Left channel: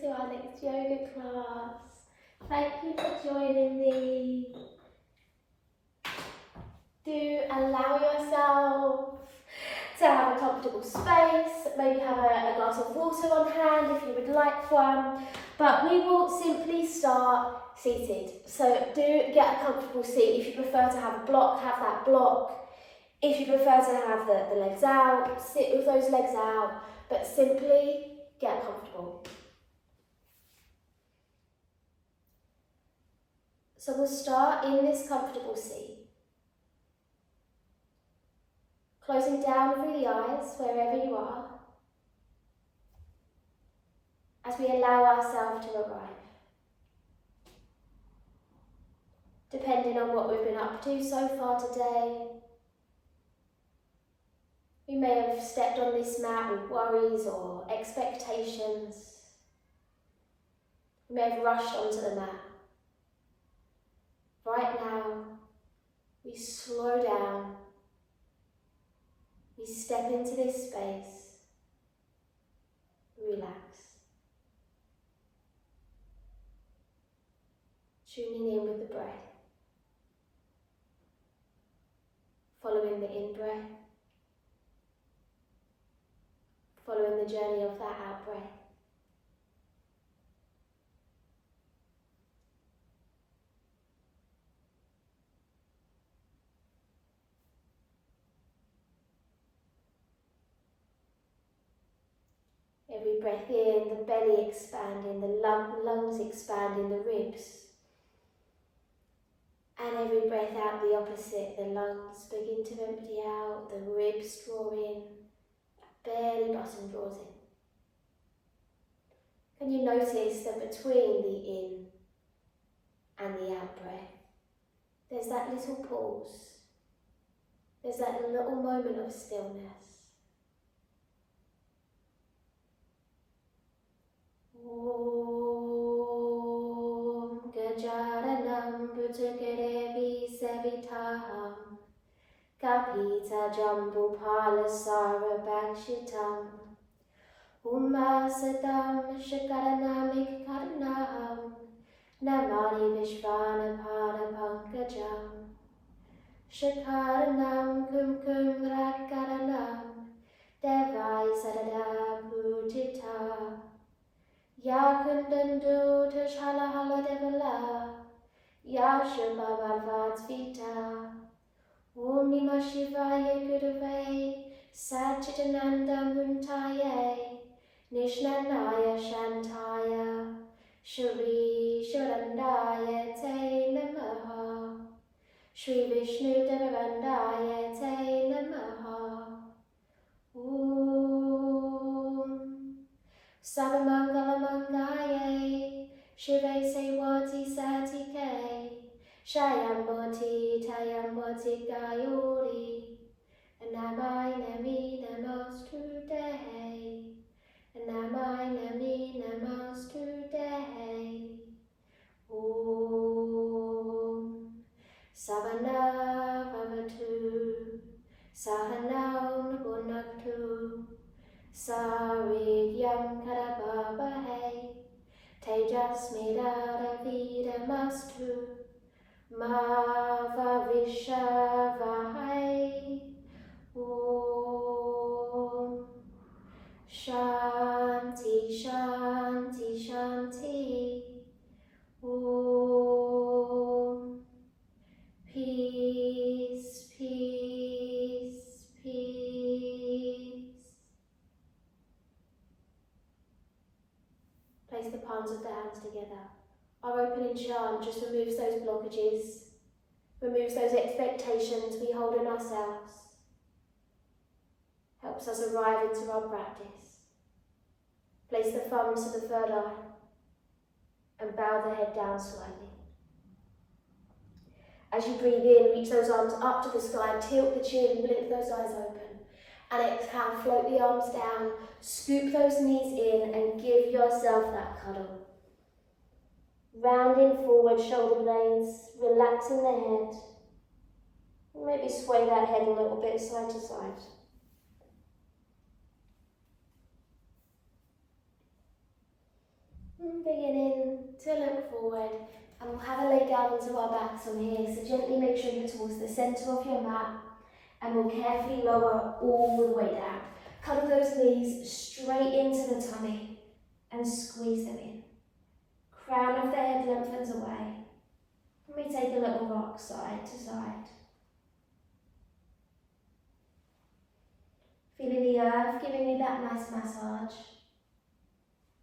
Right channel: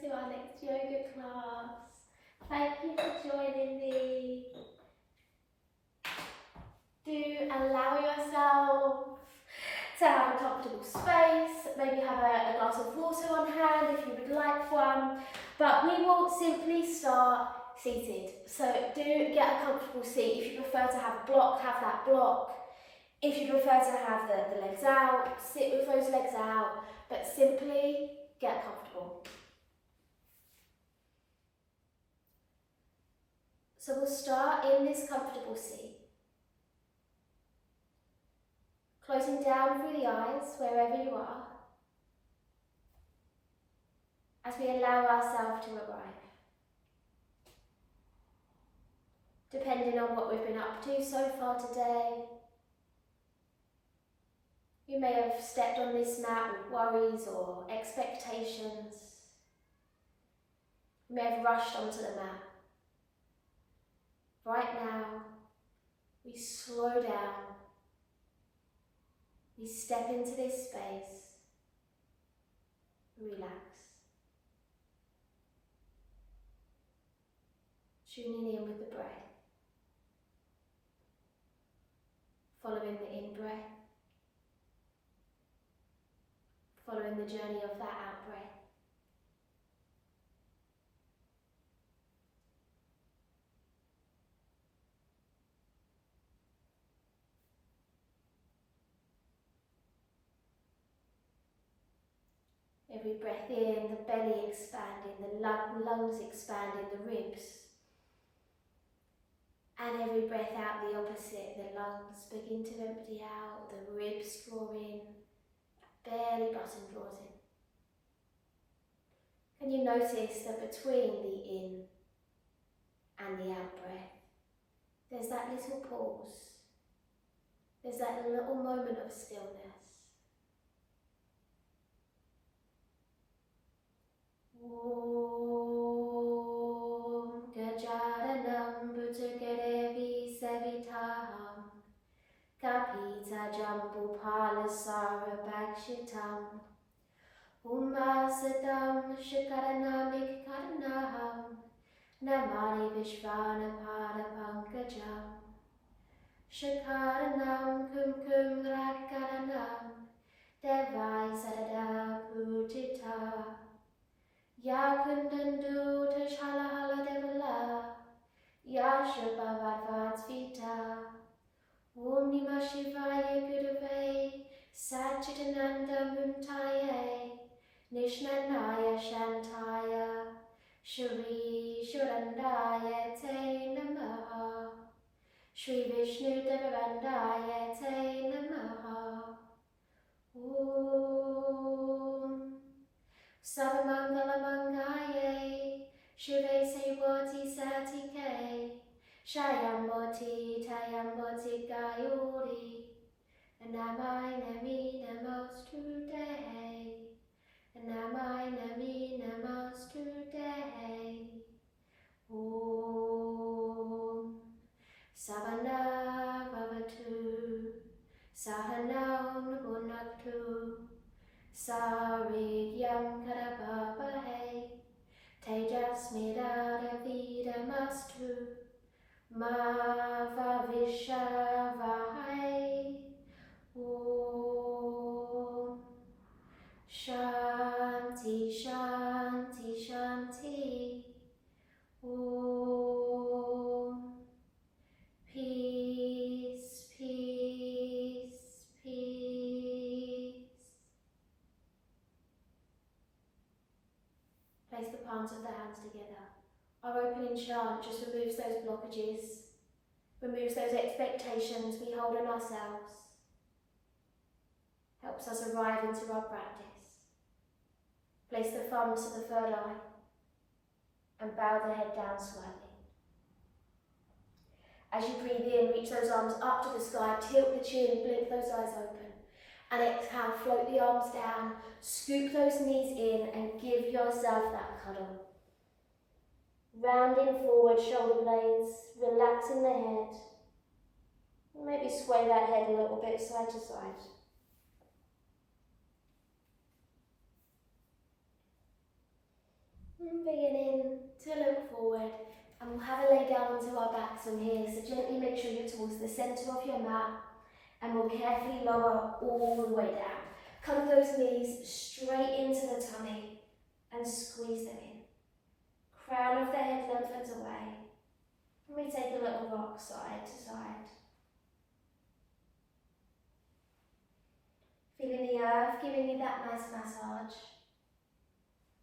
to our next yoga class. Thank you for joining me. Do allow yourself to have a comfortable space, maybe have a glass of water on hand if you would like one, but we will simply start seated. So do get a comfortable seat. If you prefer to have block, have that block. If you prefer to have the legs out, sit with those legs out, but simply get comfortable. So we'll start in this comfortable seat. Closing down through the eyes wherever you are, as we allow ourselves to arrive. Depending on what we've been up to so far today, we may have stepped on this mat with worries or expectations. We may have rushed onto the mat. Right now, we slow down. We step into this space. Relax. Tuning in with the breath. Following the in-breath. Following the journey of that out-breath. Every breath in, the belly expanding, the lungs expanding, the ribs. And every breath out, the opposite, the lungs begin to empty out, the ribs draw in, belly button draws in. Can you notice that between the in and the out breath, there's that little pause, there's that little moment of stillness. Om Gajaranam Bhujagerevi Savitaham Kapita Jambupala Sarabhakshitam Umasadam Shakaranamik Karnaham Namani Vishvanapada Pankajam Shakaranam Kumkum Rakaranam Devai Sadada Pujita Ya Kundandu Tashala Devala Ya Shubhavadvatsvita Om Namah Shivaya Gurave Satchitananda Muntaye Nishnanaya Shantaya Shri Shivanandaya Te Namaha Shri Vishnu Devandaya Te Namaha Om Sarvamangala Mangaye Shive Sevati Satike Shayamboti Tayamboti Gayori Namai Nami Namaste Namai Nami Namaste Om Savana Vavatu Sahanam Bhunaktu Sarigyam Karabhabahe Tejasmira Vidamastu Ma Vavishavahai Om Shanti Shanti Shanti Om Peace, peace, peace. Place the palms of the hands together. Our opening chant just removes those blockages, removes those expectations we hold in ourselves, helps us arrive into our practice. Place the thumbs to the third eye and bow the head down slightly. As you breathe in, reach those arms up to the sky, tilt the chin, blink those eyes open. And exhale, float the arms down, scoop those knees in and give yourself that cuddle. Rounding forward, shoulder blades, relaxing the head. Maybe sway that head a little bit side to side. look forward, and we'll have a lay down onto our backs on here. So gently make sure you're towards the centre of your mat, and we'll carefully lower all the way down. Cuddle those knees straight into the tummy and squeeze them in. Crown of the head lengthens away. And we take a little rock side to side. Feeling the earth giving you that nice massage.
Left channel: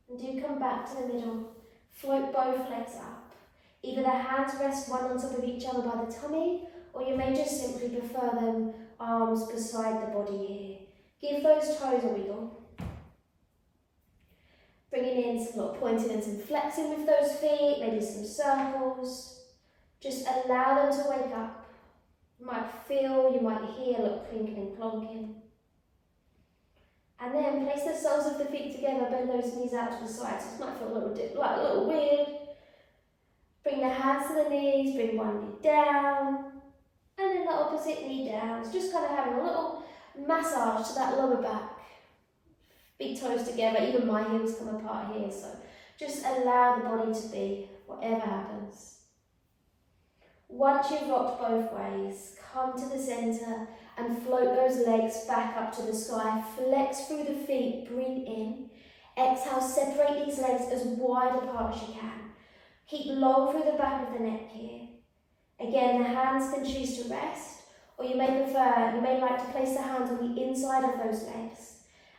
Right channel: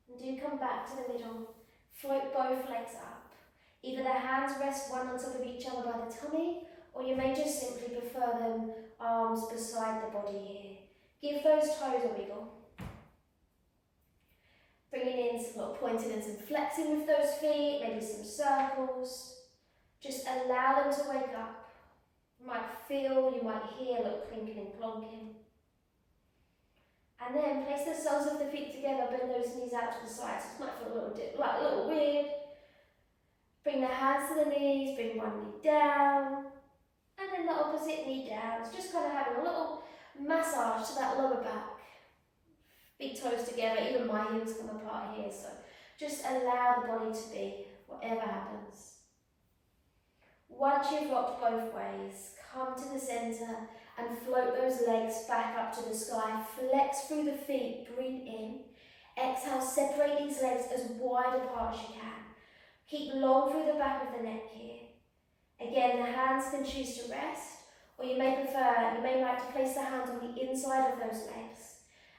And do come back to the middle. Float both legs up. Either the hands rest one on top of each other by the tummy, or you may just simply prefer them arms beside the body here. Give those toes a wiggle. Bringing in some little pointing and some flexing with those feet, maybe some circles. Just allow them to wake up. You might feel, you might hear a little clinking and clonking. And then place the soles of the feet together, bend those knees out to the sides. This might feel a little weird. Bring the hands to the knees, bring one knee down, and then the opposite knee down. So just kind of having a little massage to that lower back. Big toes together, even my heels come apart here, so just allow the body to be, whatever happens. Once you've rocked both ways, come to the centre and float those legs back up to the sky. Flex through the feet, breathe in. Exhale, separate these legs as wide apart as you can. Keep long through the back of the neck here. Again, the hands can choose to rest, or you may like to place the hands on the inside of those legs.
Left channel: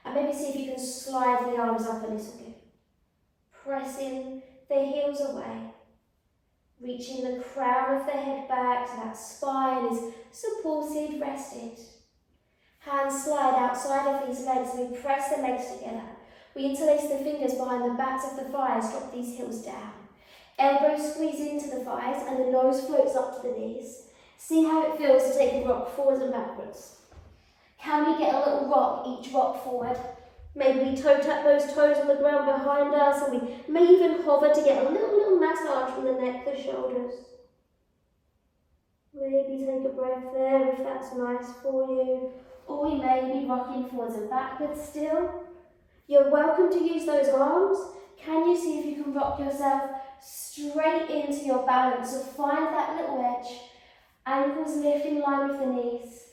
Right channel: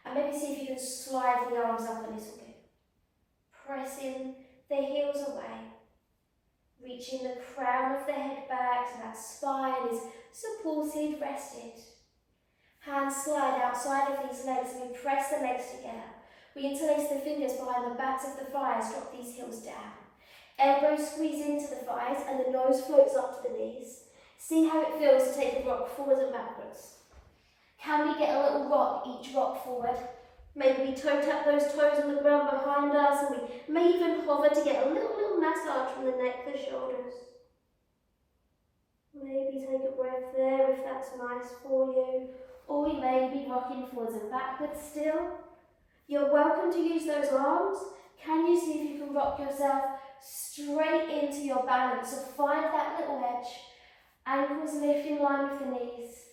And maybe see if you can slide the arms up a little bit. Pressing the heels away. Reaching the crown of the head back so that spine is supported, rested. Hands slide outside of these legs and we press the legs together. We interlace the fingers behind the backs of the thighs, drop these heels down. Elbows squeeze into the thighs and the nose floats up to the knees. See how it feels to take a rock forwards and backwards. Can we get a little rock, each rock forward? Maybe we toe tap those toes on the ground behind us, and we may even hover to get a little massage from the neck, the shoulders. Maybe take a breath there if that's nice for you. Or we may be rocking forwards and backwards still. You're welcome to use those arms. Can you see if you can rock yourself straight into your balance? So find that little edge. Ankles lift in line with the knees.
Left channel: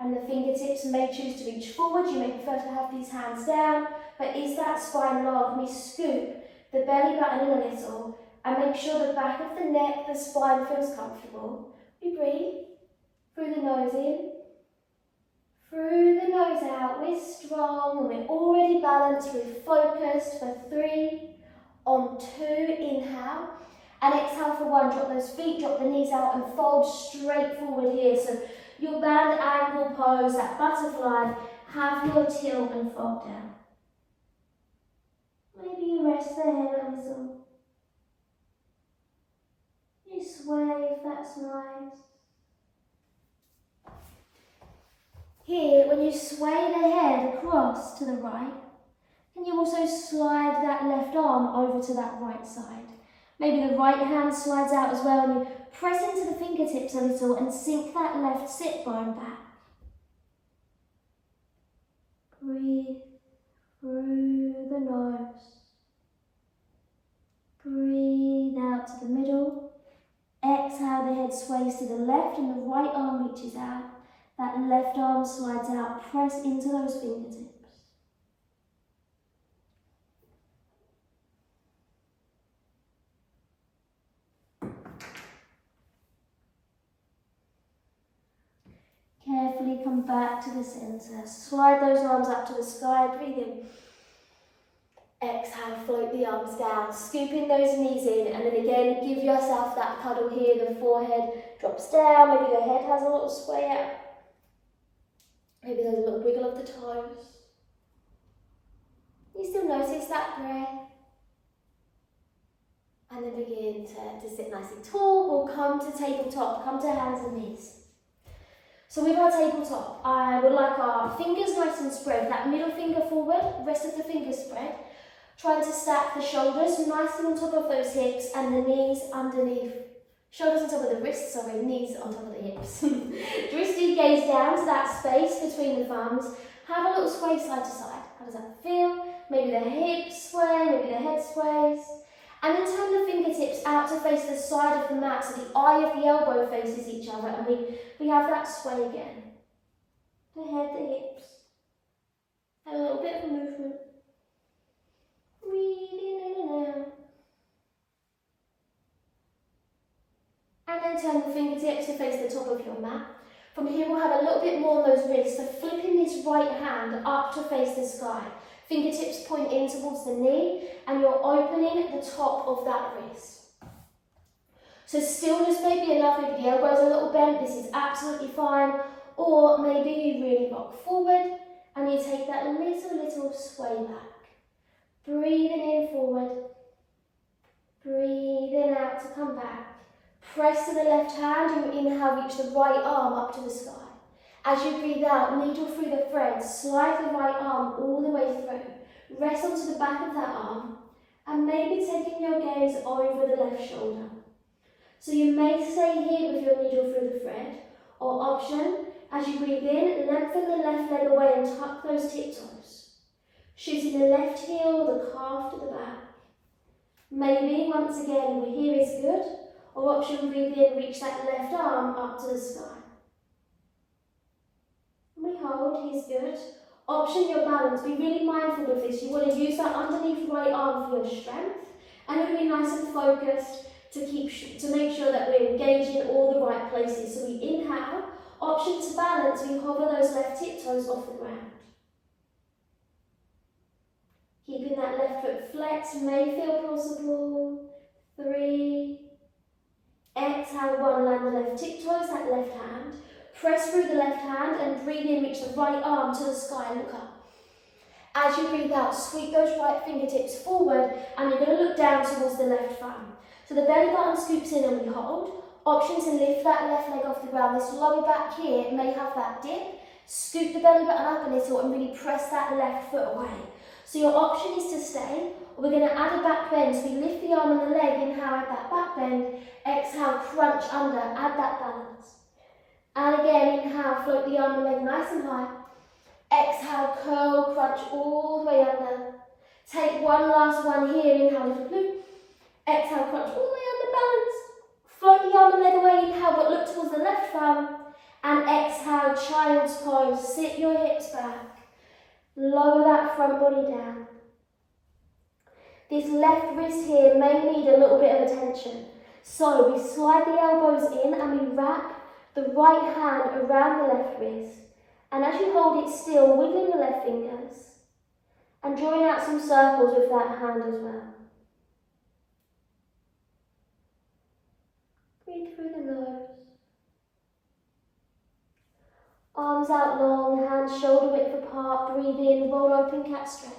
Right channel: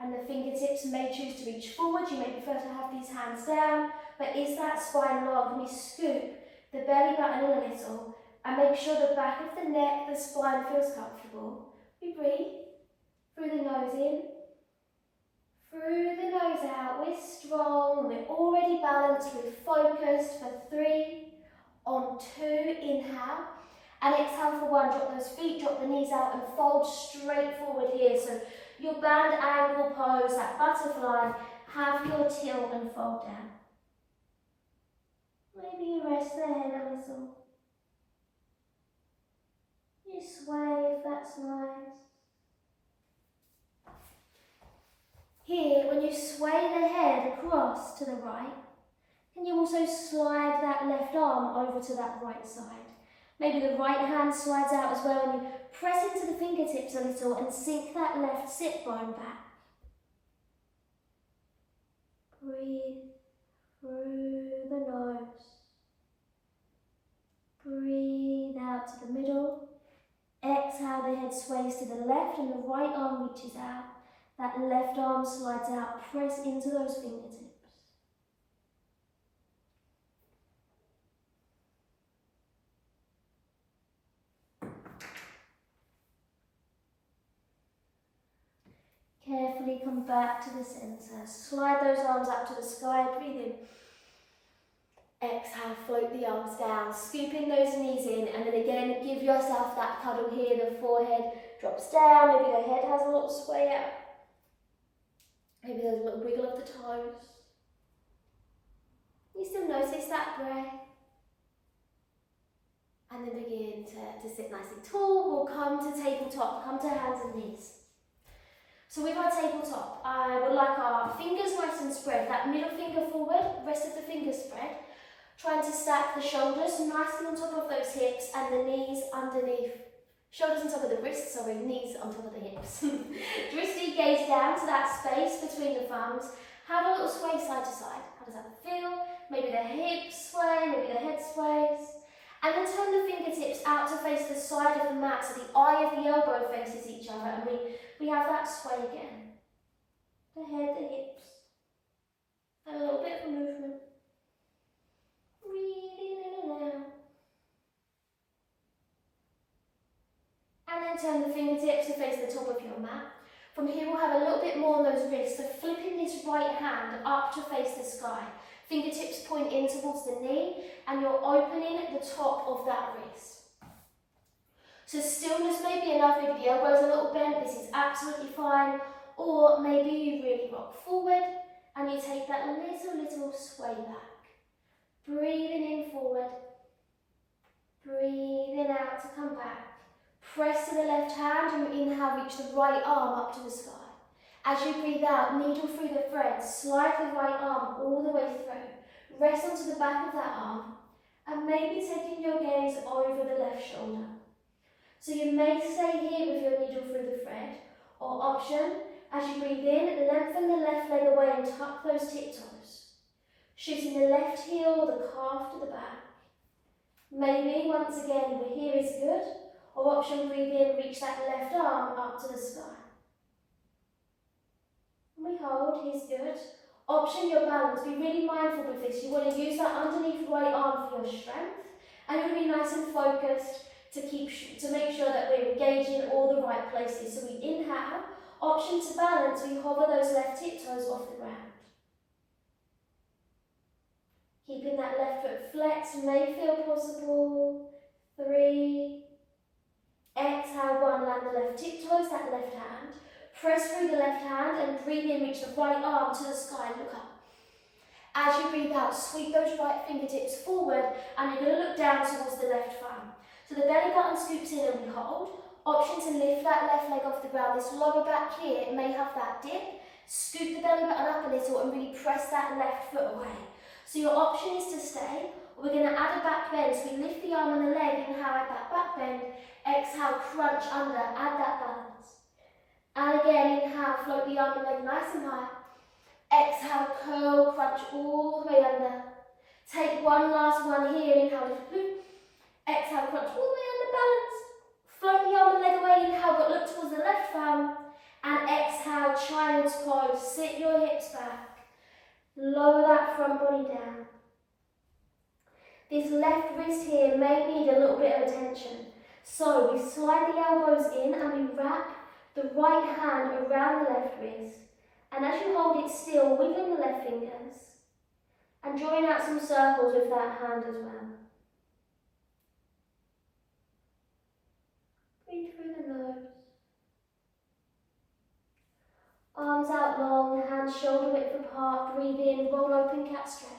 And the fingertips may choose to reach forward. You may prefer to have these hands down. But is that spine long? Can we scoop the belly button in a little and make sure the back of the neck, the spine feels comfortable? We breathe through the nose in, through the nose out. We're strong and we're already balanced. We're focused for 3, on 2, inhale. And exhale for 1. Drop those feet, drop the knees out and fold straight forward here. So your band ankle pose, that butterfly, have your tilt and fold down. Maybe you rest the head a little. You sway if that's nice. Here, when you sway the head across to the right, can you also slide that left arm over to that right side? Maybe the right hand slides out as well and you press into the fingertips a little and sink that left sit bone back. Breathe through the nose. Breathe out to the middle. Exhale, the head sways to the left and the right arm reaches out. That left arm slides out. Press into those fingertips. Carefully come back to the centre. Slide those arms up to the sky. Breathe in. Exhale, float the arms down. Scooping those knees in. And then again, give yourself that cuddle here. The forehead drops down. Maybe the head has a little sway out. Maybe there's a little wiggle of the toes. You still notice that breath. And then begin to sit nice and tall. Or come to tabletop. Come to hands and knees. So with our tabletop, I would like our fingers nice and spread, that middle finger forward, rest of the fingers spread. Trying to stack the shoulders nicely on top of those hips and the knees underneath. Shoulders on top of the wrists, sorry, knees on top of the hips. Dristy, gaze down to that space between the thumbs. Have a little sway side to side. How does that feel? Maybe the hips sway, maybe the head sways. And then turn the fingertips out to face the side of the mat so the eye of the elbow faces each other, and we have that sway again. The head, the hips, and a little bit of a movement. Breathing in and out. And then turn the fingertips to face the top of your mat. From here we'll have a little bit more on those wrists, so flipping this right hand up to face the sky. Fingertips point in towards the knee, and you're opening the top of that wrist. So stillness may be enough, maybe the elbow's a little bent, this is absolutely fine. Or maybe you really rock forward and you take that little sway back. Breathing in forward, breathing out to come back. Press to the left hand and inhale, reach the right arm up to the sky. As you breathe out, needle through the thread, slide the right arm all the way through. Rest onto the back of that arm and maybe taking your gaze over the left shoulder. So you may stay here with your needle through the thread, or option, as you breathe in, lengthen the left leg away and tuck those tiptoes. Shooting the left heel or the calf to the back. Maybe, once again, we're here is good, or option, breathe in, reach that left arm up to the sky. And we hold, here's good. Option your balance, be really mindful with this. You want to use that underneath right arm for your strength, and you want to be nice and focused to make sure that we're engaging all the right places. So we inhale, option to balance, we hover those left tiptoes off the ground. Keeping that left foot flexed may feel possible. 3. Exhale, 1, land the left tiptoes, that left hand. Press through the left hand and breathe in, reach the right arm to the sky and look up. As you breathe out, sweep those right fingertips forward and you're going to look down towards the left thumb. So the belly button scoops in and we hold. Option to lift that left leg off the ground. This lower back here may have that dip. Scoop the belly button up a little and really press that left foot away. So your option is to stay, or we're going to add a back bend. So we lift the arm and the leg, inhale, add that back bend. Exhale, crunch under, add that balance. And again, inhale, float the arm and leg nice and high. Exhale, curl, crunch all the way under. Take one last one here, inhale, lift loop. Exhale, crunch all the way under, balance. Float the arm and leg away, inhale, but look towards the left thumb. And exhale, child's pose, sit your hips back. Lower that front body down. This left wrist here may need a little bit of attention. So we slide the elbows in and we wrap the right hand around the left wrist. And as you hold it still, wiggling the left fingers and drawing out some circles with that hand as well. Breathe through the nose. Arms out long, hands shoulder width apart. Breathe in, roll open, cat stretch.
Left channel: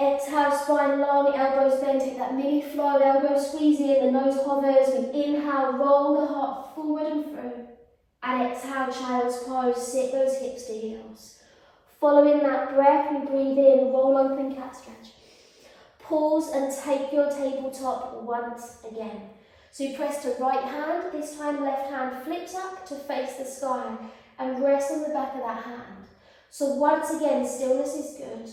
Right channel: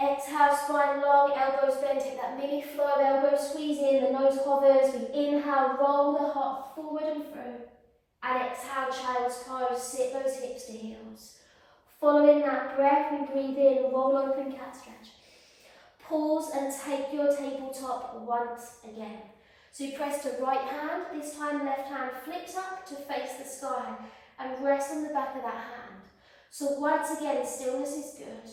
Exhale, spine long, elbows bend, take that mini flow, elbows squeeze in, the nose hovers. We inhale, roll the heart forward and through. And exhale, child's pose, sit those hips to heels. Following that breath, we breathe in, roll open, cat stretch. Pause and take your tabletop once again. So you press to right hand, this time left hand flips up to face the sky and rest on the back of that hand. So once again, stillness is good.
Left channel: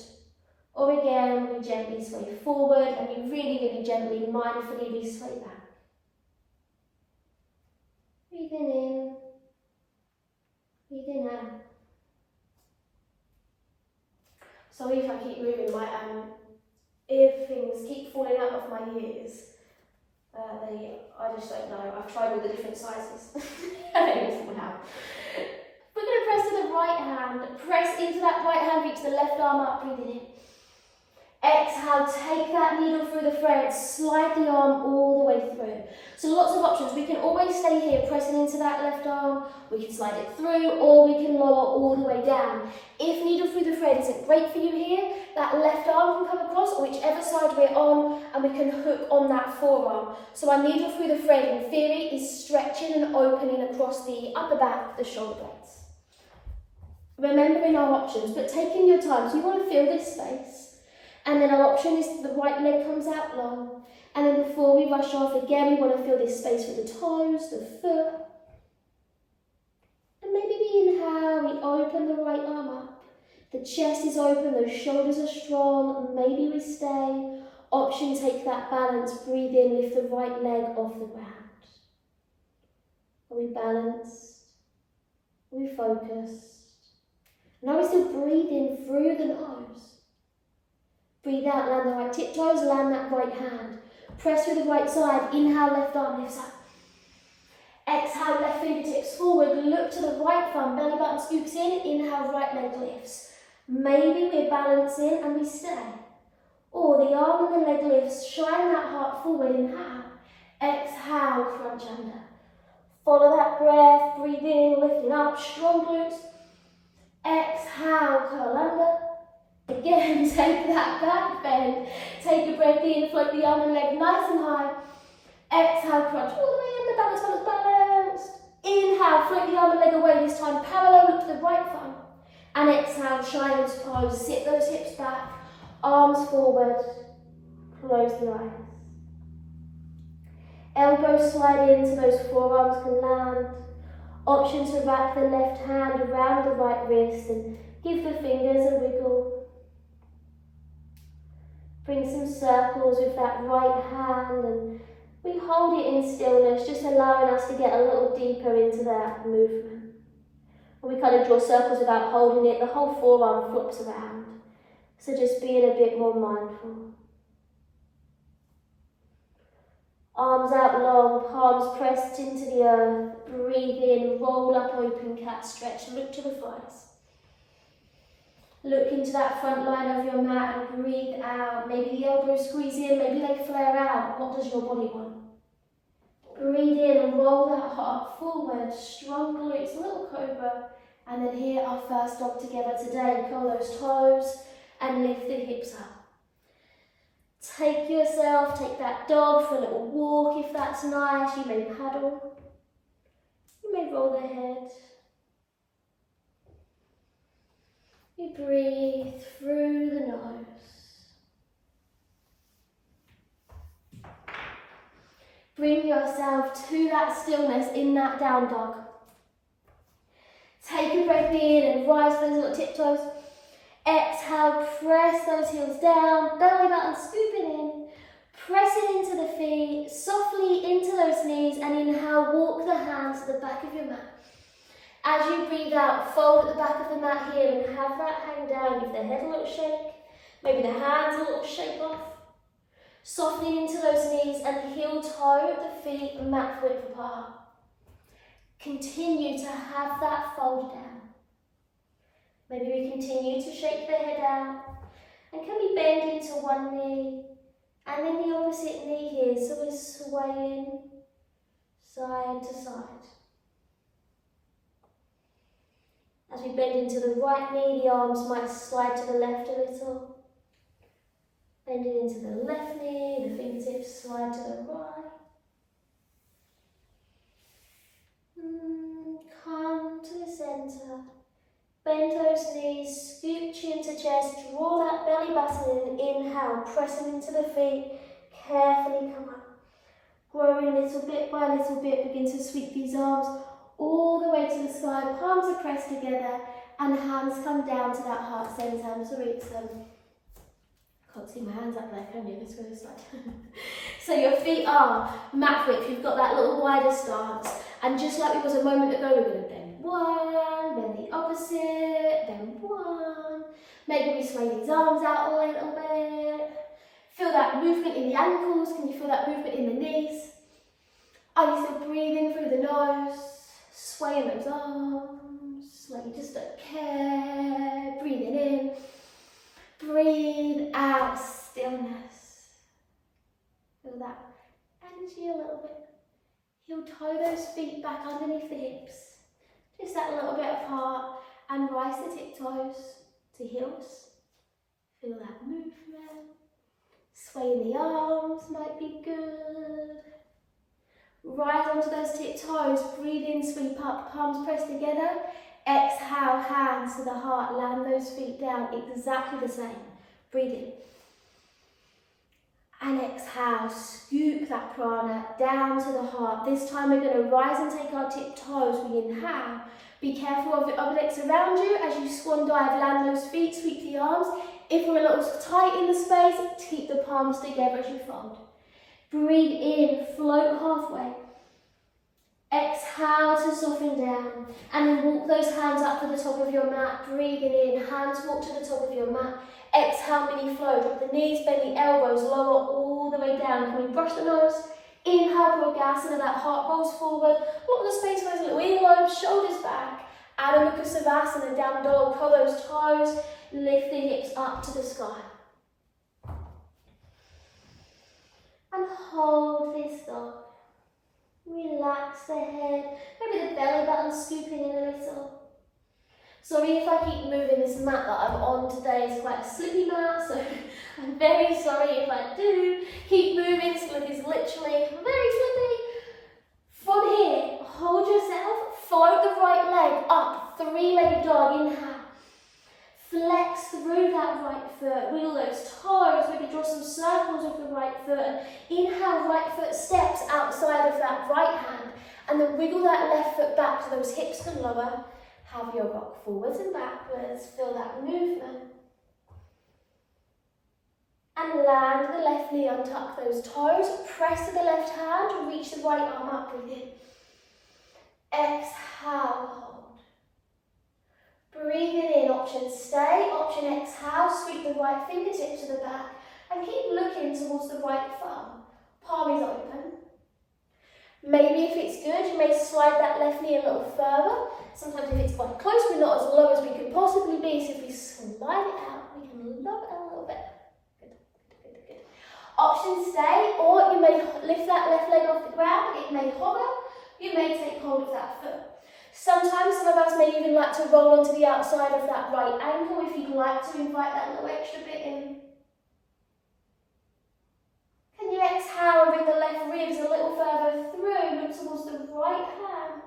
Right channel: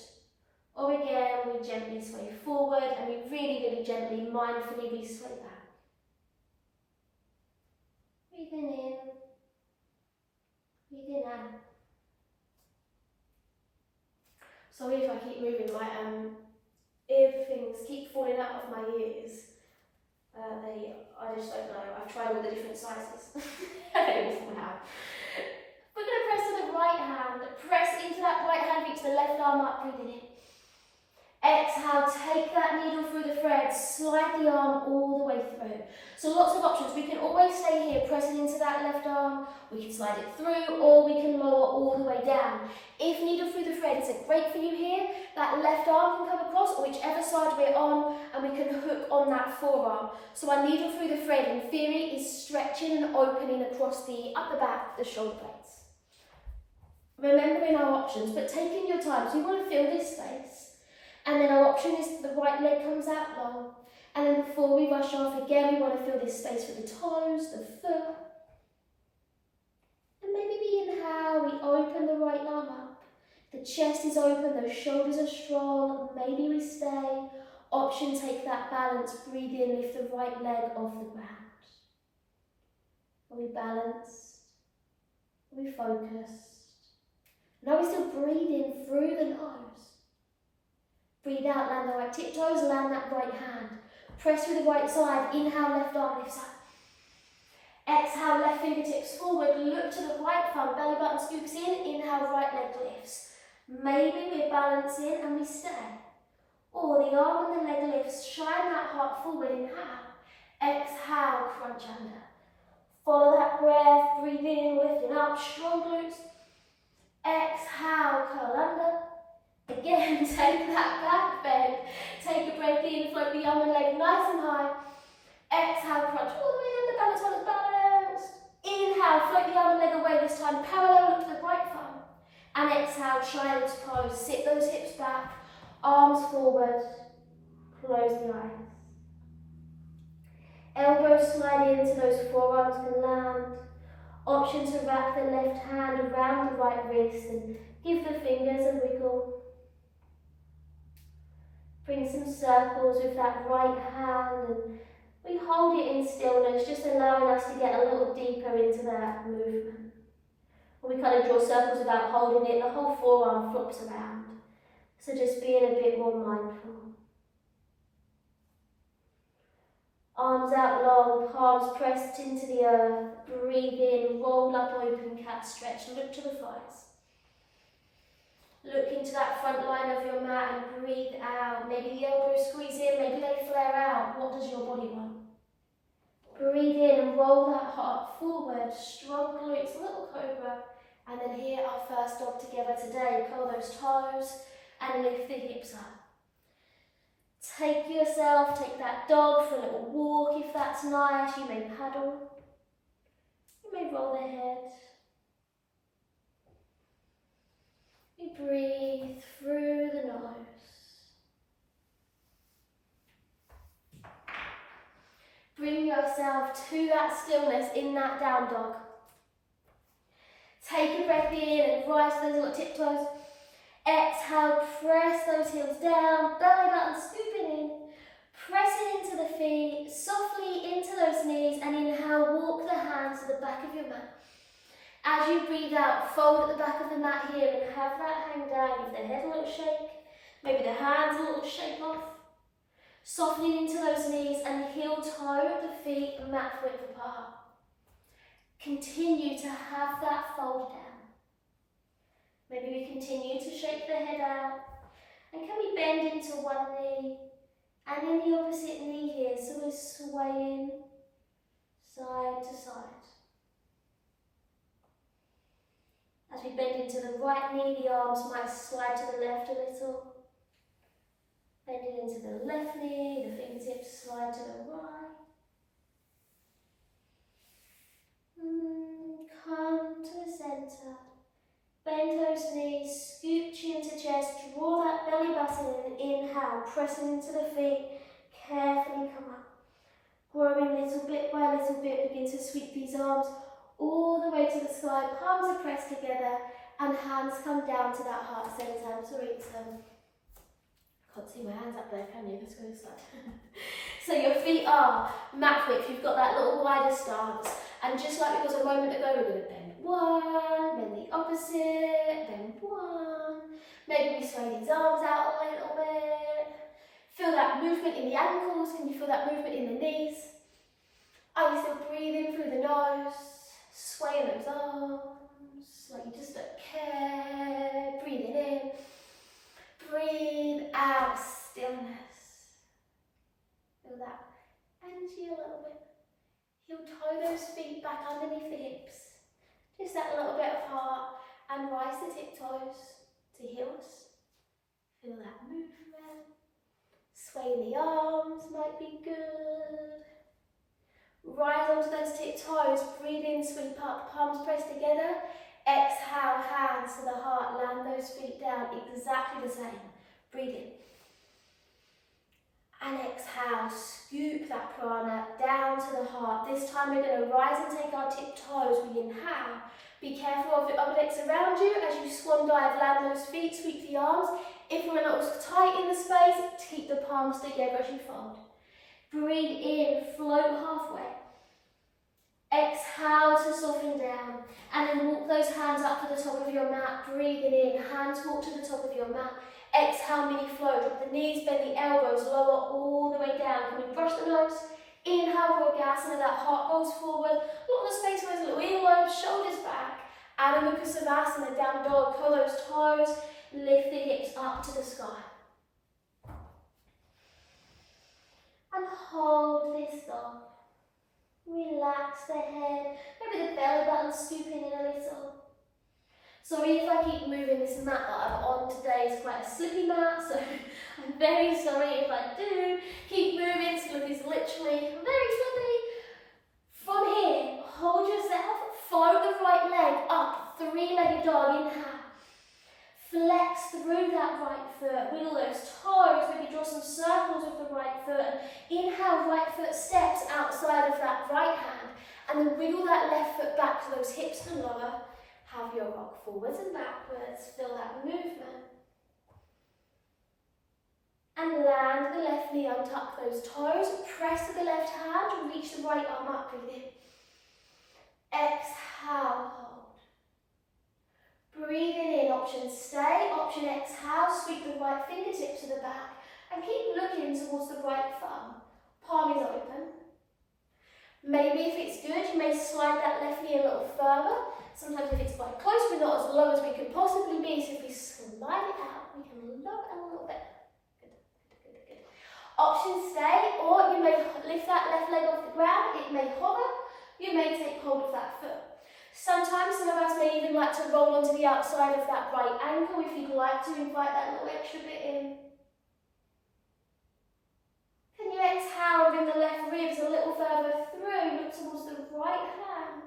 Or again, we gently sway forward and we really gently, mindfully, we sway back. Breathing in, breathing out. Sorry if I keep moving, my earrings keep falling out of my ears. I just don't know. I've tried all the different sizes. They all fall out. We're going to press to the right hand. Press into that right hand, reach the left arm up, breathing in. Exhale, take that needle through the thread, slide the arm all the way through. So lots of options. We can always stay here, pressing into that left arm. We can slide it through, or we can lower all the way down. If needle through the thread isn't great for you here, that left arm can come across, or whichever side we're on, and we can hook on that forearm. So our needle through the thread, in theory, is stretching and opening across the upper back, the shoulder blades. Remembering our options, but taking your time. So you want to feel this space. And then our option is the right leg comes out long. And then before we rush off, again, we want to feel this space with the toes, the foot. And maybe we inhale, we open the right arm up. The chest is open, those shoulders are strong. Maybe we stay. Option, take that balance, breathe in, lift the right leg off the ground. Are we balanced? Are we focused? Now we're still breathing through the nose. Breathe out, land the right tiptoes, land that right hand. Press through the right side, inhale, left arm lifts up. Exhale, left fingertips forward, look to the right thumb, belly button scoops in, inhale, right leg lifts. Maybe we're balancing and we stay. Or the arm and the leg lifts, shine that heart forward, inhale. Exhale, crunch under. Follow that breath, breathe in, lifting up, strong glutes. Exhale, curl under. Again, take that back bend. Take a breath in, float the arm and leg nice and high. Exhale, crunch all the way in, the balance, balanced. Inhale, float the arm and leg away, this time parallel, look to the right thumb. And exhale, child's pose, sit those hips back, arms forward, close the eyes. Elbows slide in so those forearms can land. Option to wrap the left hand around the right wrist and give the fingers a wiggle. Bring some circles with that right hand and we hold it in stillness, just allowing us to get a little deeper into that movement. When we kind of draw circles without holding it, the whole forearm flops around. So just being a bit more mindful. Arms out long, palms pressed into the earth. Breathe in, roll up, open cat stretch. Look to the thighs. Look into that front line of your mat and breathe out. Maybe the elbows squeeze in, maybe they flare out. What does your body want? Breathe in, roll that heart forward, strong glutes, little cobra. And then here, our first dog together today. Curl those toes and lift the hips up. Take yourself, take that dog for a little walk if that's nice. You may paddle. You may roll the head. You breathe through the nose. Bring yourself to that stillness in that down dog. Take a breath in and rise those little tiptoes. Exhale, press those heels down, belly button scooping in. Pressing into the feet, softly into those knees, and inhale, walk the hands to the back of your mat. As you breathe out, fold at the back of the mat here and have that hang down. Give the head a little shake, maybe the hands a little shake off. Softening into those knees and heel toe the feet mat width apart. Continue to have that fold down. Maybe we continue to shake the head out. And can we bend into one knee and then the opposite knee here, so we're swaying side to side. As we bend into the right knee, the arms might slide to the left a little. Bending into the left knee, the fingertips slide to the right. Come to the centre. Bend those knees, scoop chin to chest, draw that belly button in, inhale, pressing into the feet, carefully come up. Growing little bit by little bit, begin to sweep these arms all the way to the sky, palms are pressed together, and hands come down to that heart centre. I'm sorry, it's can't see my hands up there, can you? Let's go this side. So your feet are mat width, you've got that little wider stance, and just like it was a moment ago, we're going to bend one, bend the opposite, bend one. Maybe we sway these arms out a little bit. Feel that movement in the ankles. Can you feel that movement in the knees? Are you still breathing through the nose? Swaying those arms, like you just don't care. Breathing in. Breathe out, stillness. Feel that energy a little bit. Heel toe those feet back underneath the hips. Just that little bit of heart, and rise the tiptoes to heels. Feel that movement. Sway the arms might be good. Rise onto those tiptoes, breathe in, sweep up, palms pressed together. Exhale, hands to the heart, land those feet down, exactly the same. Breathe in. And exhale, scoop that prana down to the heart. This time we're going to rise and take our tiptoes. We inhale, Be careful of the objects around you as you swan dive, land those feet, sweep the arms. If we're a little tight in the space, keep the palms together as you fold. Breathe in, float halfway. Exhale to soften down, and then walk those hands up to the top of your mat. Breathing in, hands walk to the top of your mat. Exhale, mini flow, drop the knees, bend the elbows, lower all the way down. Can we brush the nose? Inhale, Bhagasana, that heart rolls forward. Look at the space for those little earlobes, shoulders back. Adho Mukha Savasana, down dog, curl those toes, lift the hips up to the sky. And hold this dog. Relax the head, maybe the belly button scooping in a little. Sorry if I keep moving, this mat that I'm on today is quite a slippy mat, so I'm very sorry if I do keep moving. Slip is literally very slippy. From here, hold yourself, float the right leg up, three-legged dog, inhale. Flex through that right foot, wiggle those toes, maybe draw some circles with the right foot. Inhale, right foot steps outside of that right hand, and then wiggle that left foot back so those hips can lower. Have your rock forwards and backwards, feel that movement. And land the left knee, untuck those toes, press to the left hand, reach the right arm up, breathe in. Exhale, hold. Breathing in, option stay, option exhale, sweep the right fingertips to the back and keep looking towards the right thumb. Palm is open. Maybe if it's good, you may slide that left knee a little further. Sometimes if it's quite close, we're not as low as we can possibly be, so if we slide it out, we can lower it a little bit. Good. Option stay, or you may lift that left leg off the ground, it may hover, you may take hold of that foot. Sometimes some of us may even like to roll onto the outside of that right ankle if you'd like to invite that little extra bit in. Can you exhale and bring the left ribs a little further through, look towards the right hand.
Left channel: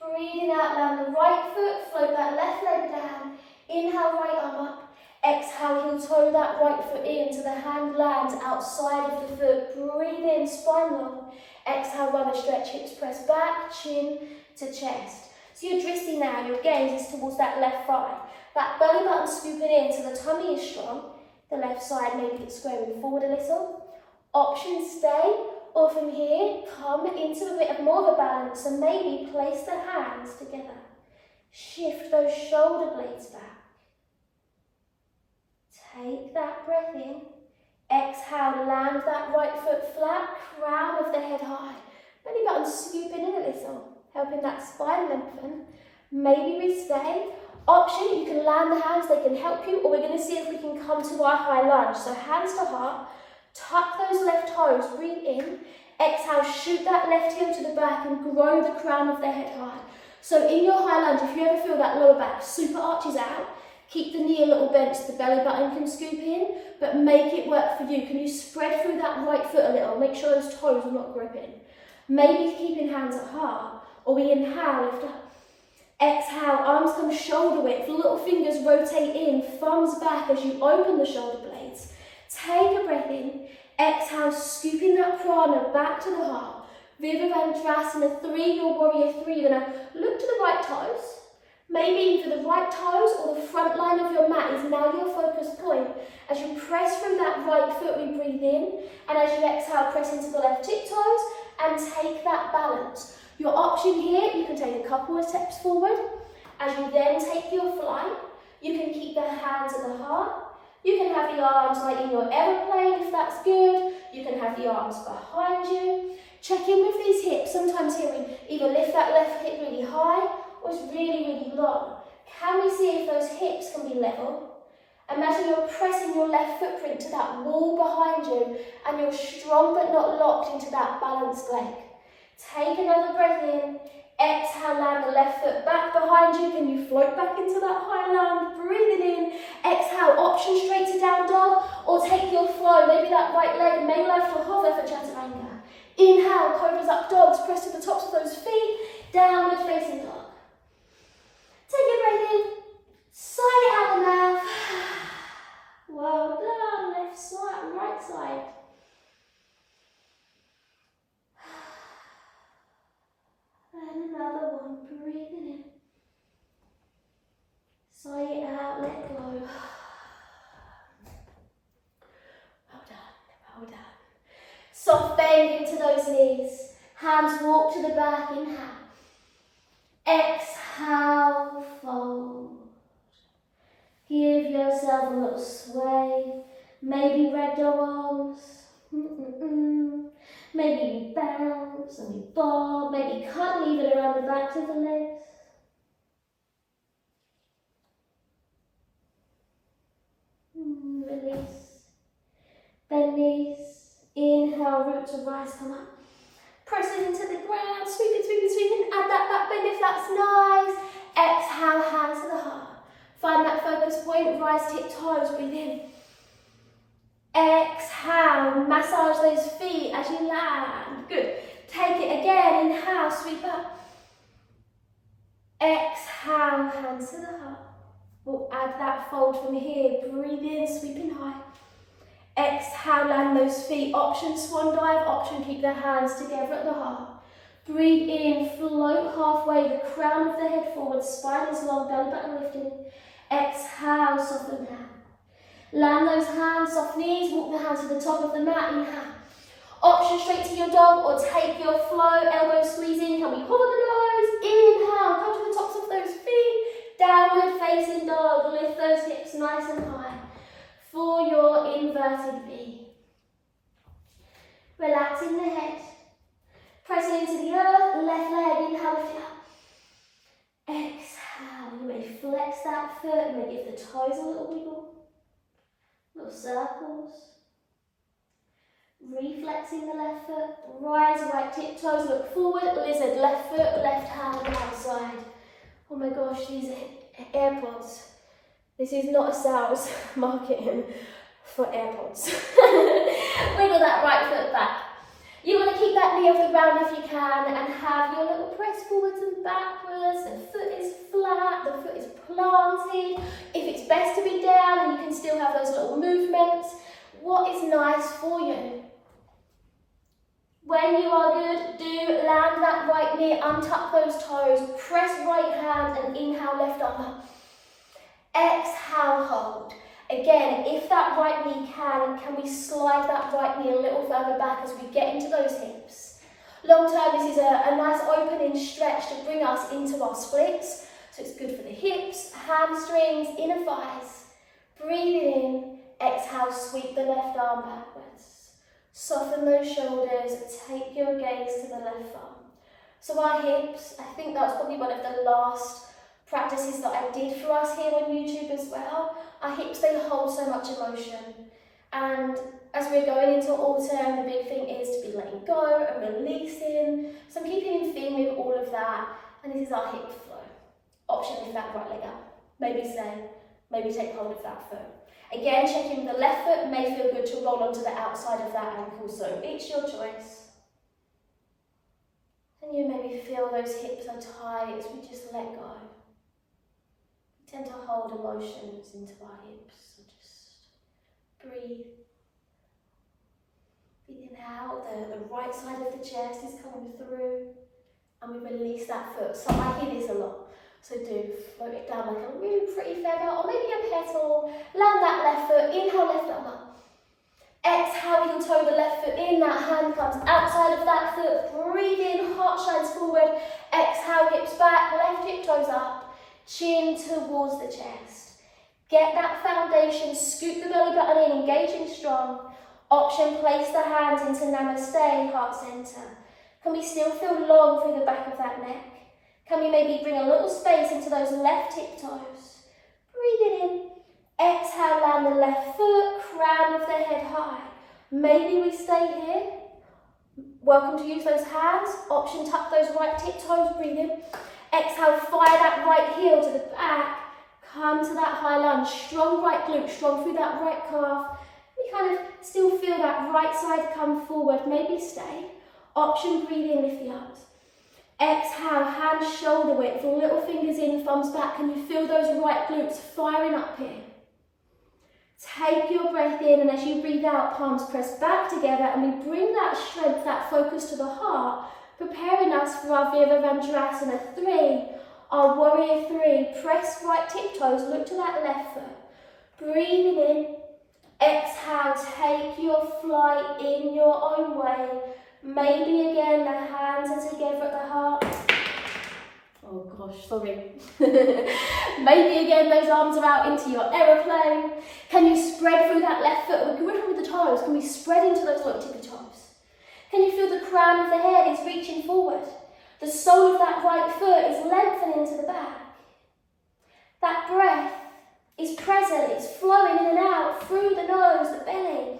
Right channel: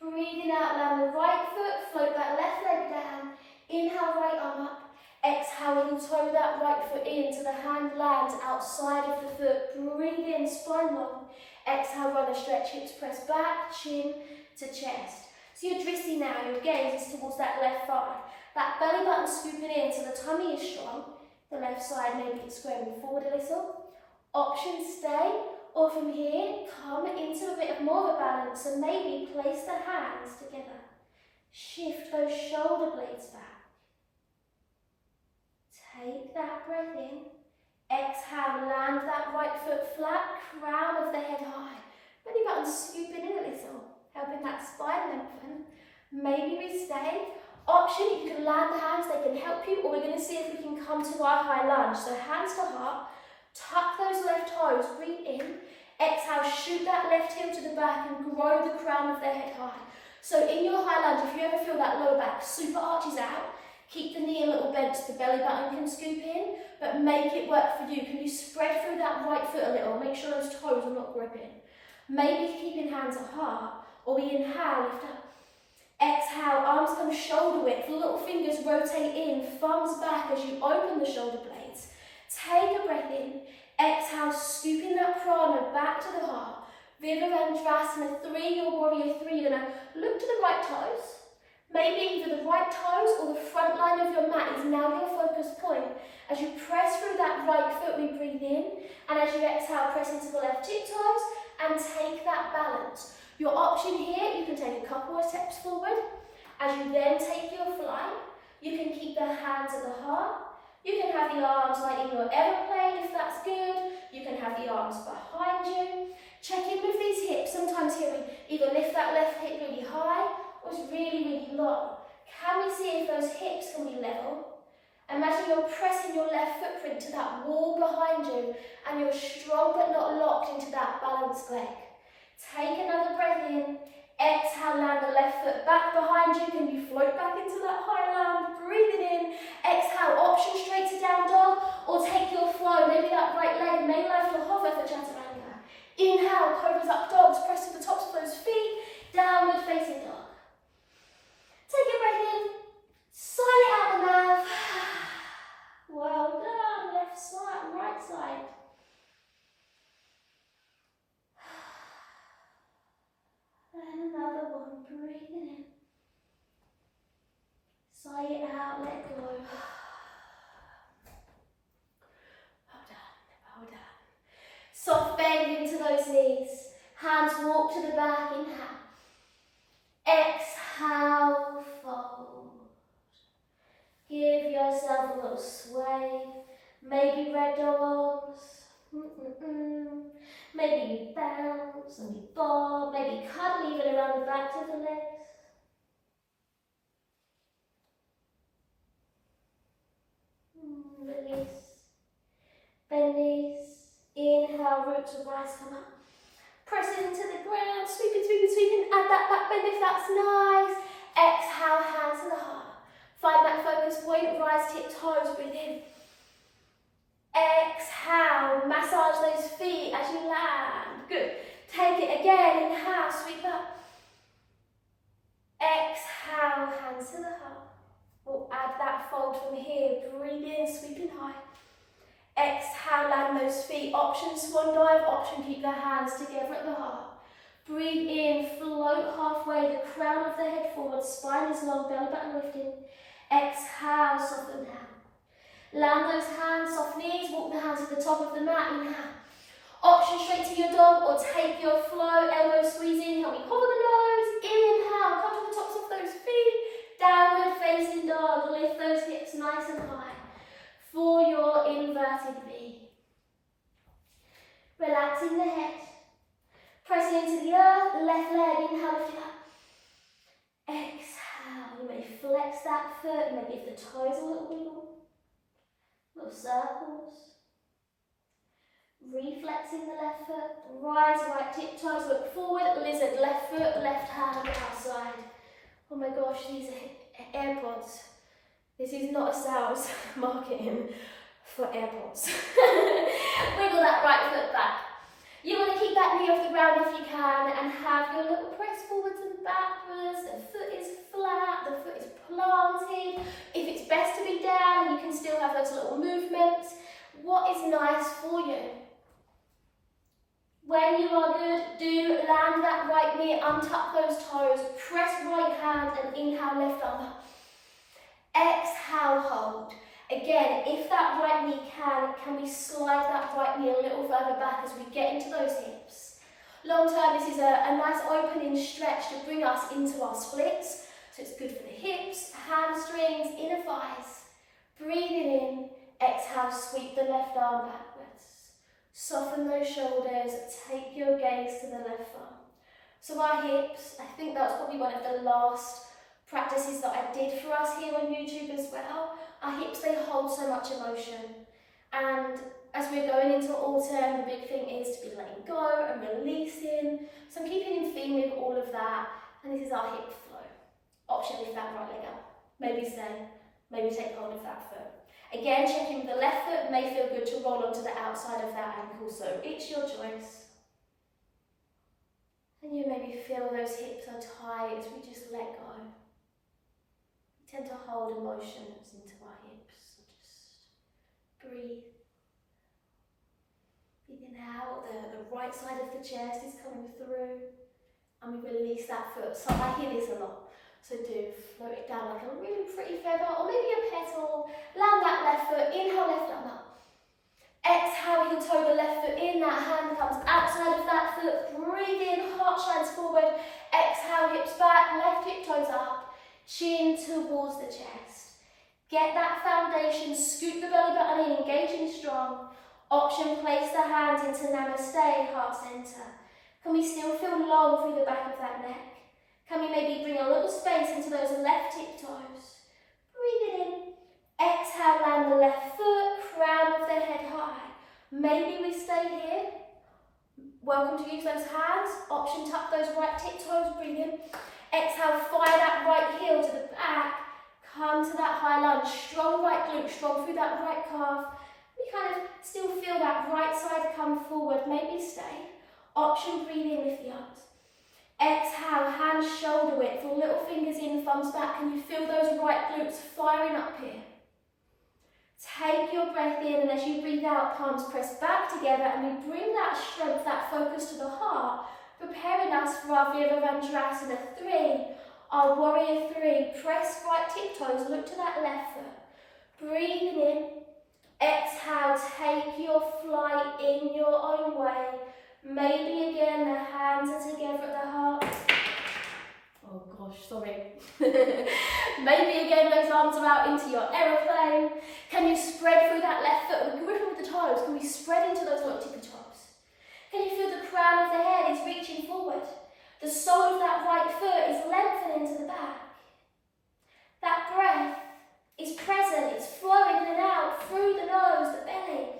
Breathing out, land the right foot, float that left leg down. Inhale, right arm up. Exhale, heel toe that right foot in so the hand lands outside of the foot. Breathe in, spine long. Exhale, run a stretch, hips press back, chin to chest. So your drishti now, your gaze is towards that left thigh. That belly button scooping in so the tummy is strong. The left side maybe it's squaring forward a little. Option stay, or from here, come into a bit of more of a balance and maybe place the hands together. Shift those shoulder blades back. Take that breath in. Exhale, land that right foot flat, crown of the head high. Belly button scooping in a little, helping that spine lengthen. Maybe we stay. Option, you can land the hands, they can help you, or we're going to see if we can come to our high lunge. So hands to heart, tuck those left toes, breathe in. Exhale, shoot that left heel to the back and grow the crown of the head high. So in your high lunge, if you ever feel that lower back super arches out, keep the knee a little bent so the belly button can scoop in, but make it work for you. Can you spread through that right foot a little? Make sure those toes are not gripping. Maybe keeping hands at heart, or we inhale, lift up. Exhale, arms come shoulder width, little fingers rotate in, thumbs back as you open the shoulder blades. Take a breath in. Exhale, scooping that prana back to the heart. Virabhadrasana 3, your warrior 3. You're going to look to the right toes. Maybe either the right toes or the front line of your mat is now your focus point. As you press through that right foot, we breathe in. And as you exhale, press into the left tiptoes and take that balance. Your option here, you can take a couple of steps forward. As you then take your flight, you can keep the hands at the heart. You can have the arms like in your aeroplane if that's good. You can have the arms behind you. Check in with these hips. Sometimes here we either lift that left hip really high or it's really, really long. Can we see if those hips can be level? Imagine you're pressing your left footprint to that wall behind you and you're strong but not locked into that balanced leg. Take another breath in. Exhale, land the left foot back behind you. Can you float back into that high lunge? Breathe it in. Exhale, option straight to down dog or take your flow. Maybe that right leg may lift or hover for chaturanga. Inhale, cobras up dogs. Press to the tops of those feet. Downward facing dog. Take a breath in. Sigh it out the mouth. Well done. Left side, right side. And another one, breathing in. Sigh it out, let go. Well done, well done. Soft bend into those knees. Hands walk to the back, inhale. Exhale, fold. Give yourself a little sway. Maybe ragdoll arms. Maybe you bounce and you bob. Maybe cuddle even around the backs of the legs. Release. Bend knees. Inhale, root to rise, come up. Press it into the ground, sweeping, sweeping, sweeping. Add that back bend if that's nice. Exhale, hands to the heart. Find that focus point, rise, tip toes, breathe in. Exhale, massage those feet as you land. Good. Take it again, inhale, sweep up. Exhale, hands to the heart. We'll add that fold from here. Breathe in, sweeping high. Exhale, land those feet. Option swan dive, option keep the hands together at the heart. Breathe in, float halfway, the crown of the head forward, spine is long, belly button lifting. Exhale, soften down. Land those hands, soft knees, walk the hands to the top of the mat, inhale. Option straight to your dog or take your flow, elbows squeezing. Can we cover the nose? Inhale, come to the tops of those feet. Downward facing dog, lift those hips nice and high. For your inverted V. Relaxing the head. Pressing into the earth, left leg, inhale, lift it up. Exhale, you may flex that foot, you may give the toes a little wiggle. Little circles. Reflexing the left foot, rise, right tip toes, look forward, lizard, left foot, left hand outside. Oh my gosh, these AirPods. This is not a sales marketing for AirPods. Wiggle that right foot back. You want to keep that knee off the ground if you can and have your little press forwards and backwards. The foot is flat, the foot is planted. If it's best to be down and you can still have those little movements, what is nice for you? When you are good, do land that right knee, untuck those toes, press right hand and inhale left arm up. Exhale, hold. Again, if that right knee can we slide that right knee a little further back as we get into those hips. Long term, this is a nice opening stretch to bring us into our splits. So it's good for the hips, hamstrings, inner thighs. Breathing in, exhale, sweep the left arm backwards. Soften those shoulders, take your gaze to the left arm. So our hips, I think that's probably one of the last practices that I did for us here on YouTube as well. Our hips, they hold so much emotion. And as we're going into autumn, the big thing is to be letting go and releasing. So I'm keeping in theme with all of that. And this is our hip flow. Option, lift that right leg up. Maybe stay, maybe take hold of that foot. Again, checking the left foot may feel good to roll onto the outside of that ankle. So it's your choice. And you maybe feel those hips are tight as we just let go. Tend to hold emotions into our hips, so just breathe. Breathing out, the right side of the chest is coming through, and we release that foot. So I hear this a lot, so do float it down like a really pretty feather, or maybe a petal. Land that left foot, inhale, left arm up. Exhale, heel toe the left foot in, that hand comes outside of that foot. Breathe in, heart shines forward. Exhale, hips back, left hip toes up. Chin towards the chest. Get that foundation, scoop the belly button in, engaging strong. Option, place the hands into namaste, heart center. Can we still feel long through the back of that neck? Can we maybe bring a little space into those left hip toes? Breathe it in. Exhale, land the left foot, crown of the head high. Maybe we stay here. Welcome to use those hands. Option, tuck those right tip toes, breathe in. Exhale, fire that right heel to the back. Come to that high lunge. Strong right glute, strong through that right calf. You kind of still feel that right side come forward. Maybe stay. Option, breathe in, lift the arms. Exhale, hands shoulder width, little fingers in, thumbs back. Can you feel those right glutes firing up here? Take your breath in, and as you breathe out, palms press back together, and we bring that strength, that focus to the heart, preparing us for our Virabhadrasana 3. Our warrior three, press right tiptoes, look to that left foot. Breathing in, exhale, take your flight in your own way. Maybe again the hands are together at the heart. Oh gosh, sorry. Maybe again those arms are out into your aeroplane. Can you spread through that left foot? We're gripping with the toes. Can we spread into those little tippy toes? Can you feel the crown of the head is reaching forward? The sole of that right foot is lengthening to the back. That breath is present, it's flowing in and out through the nose, the belly.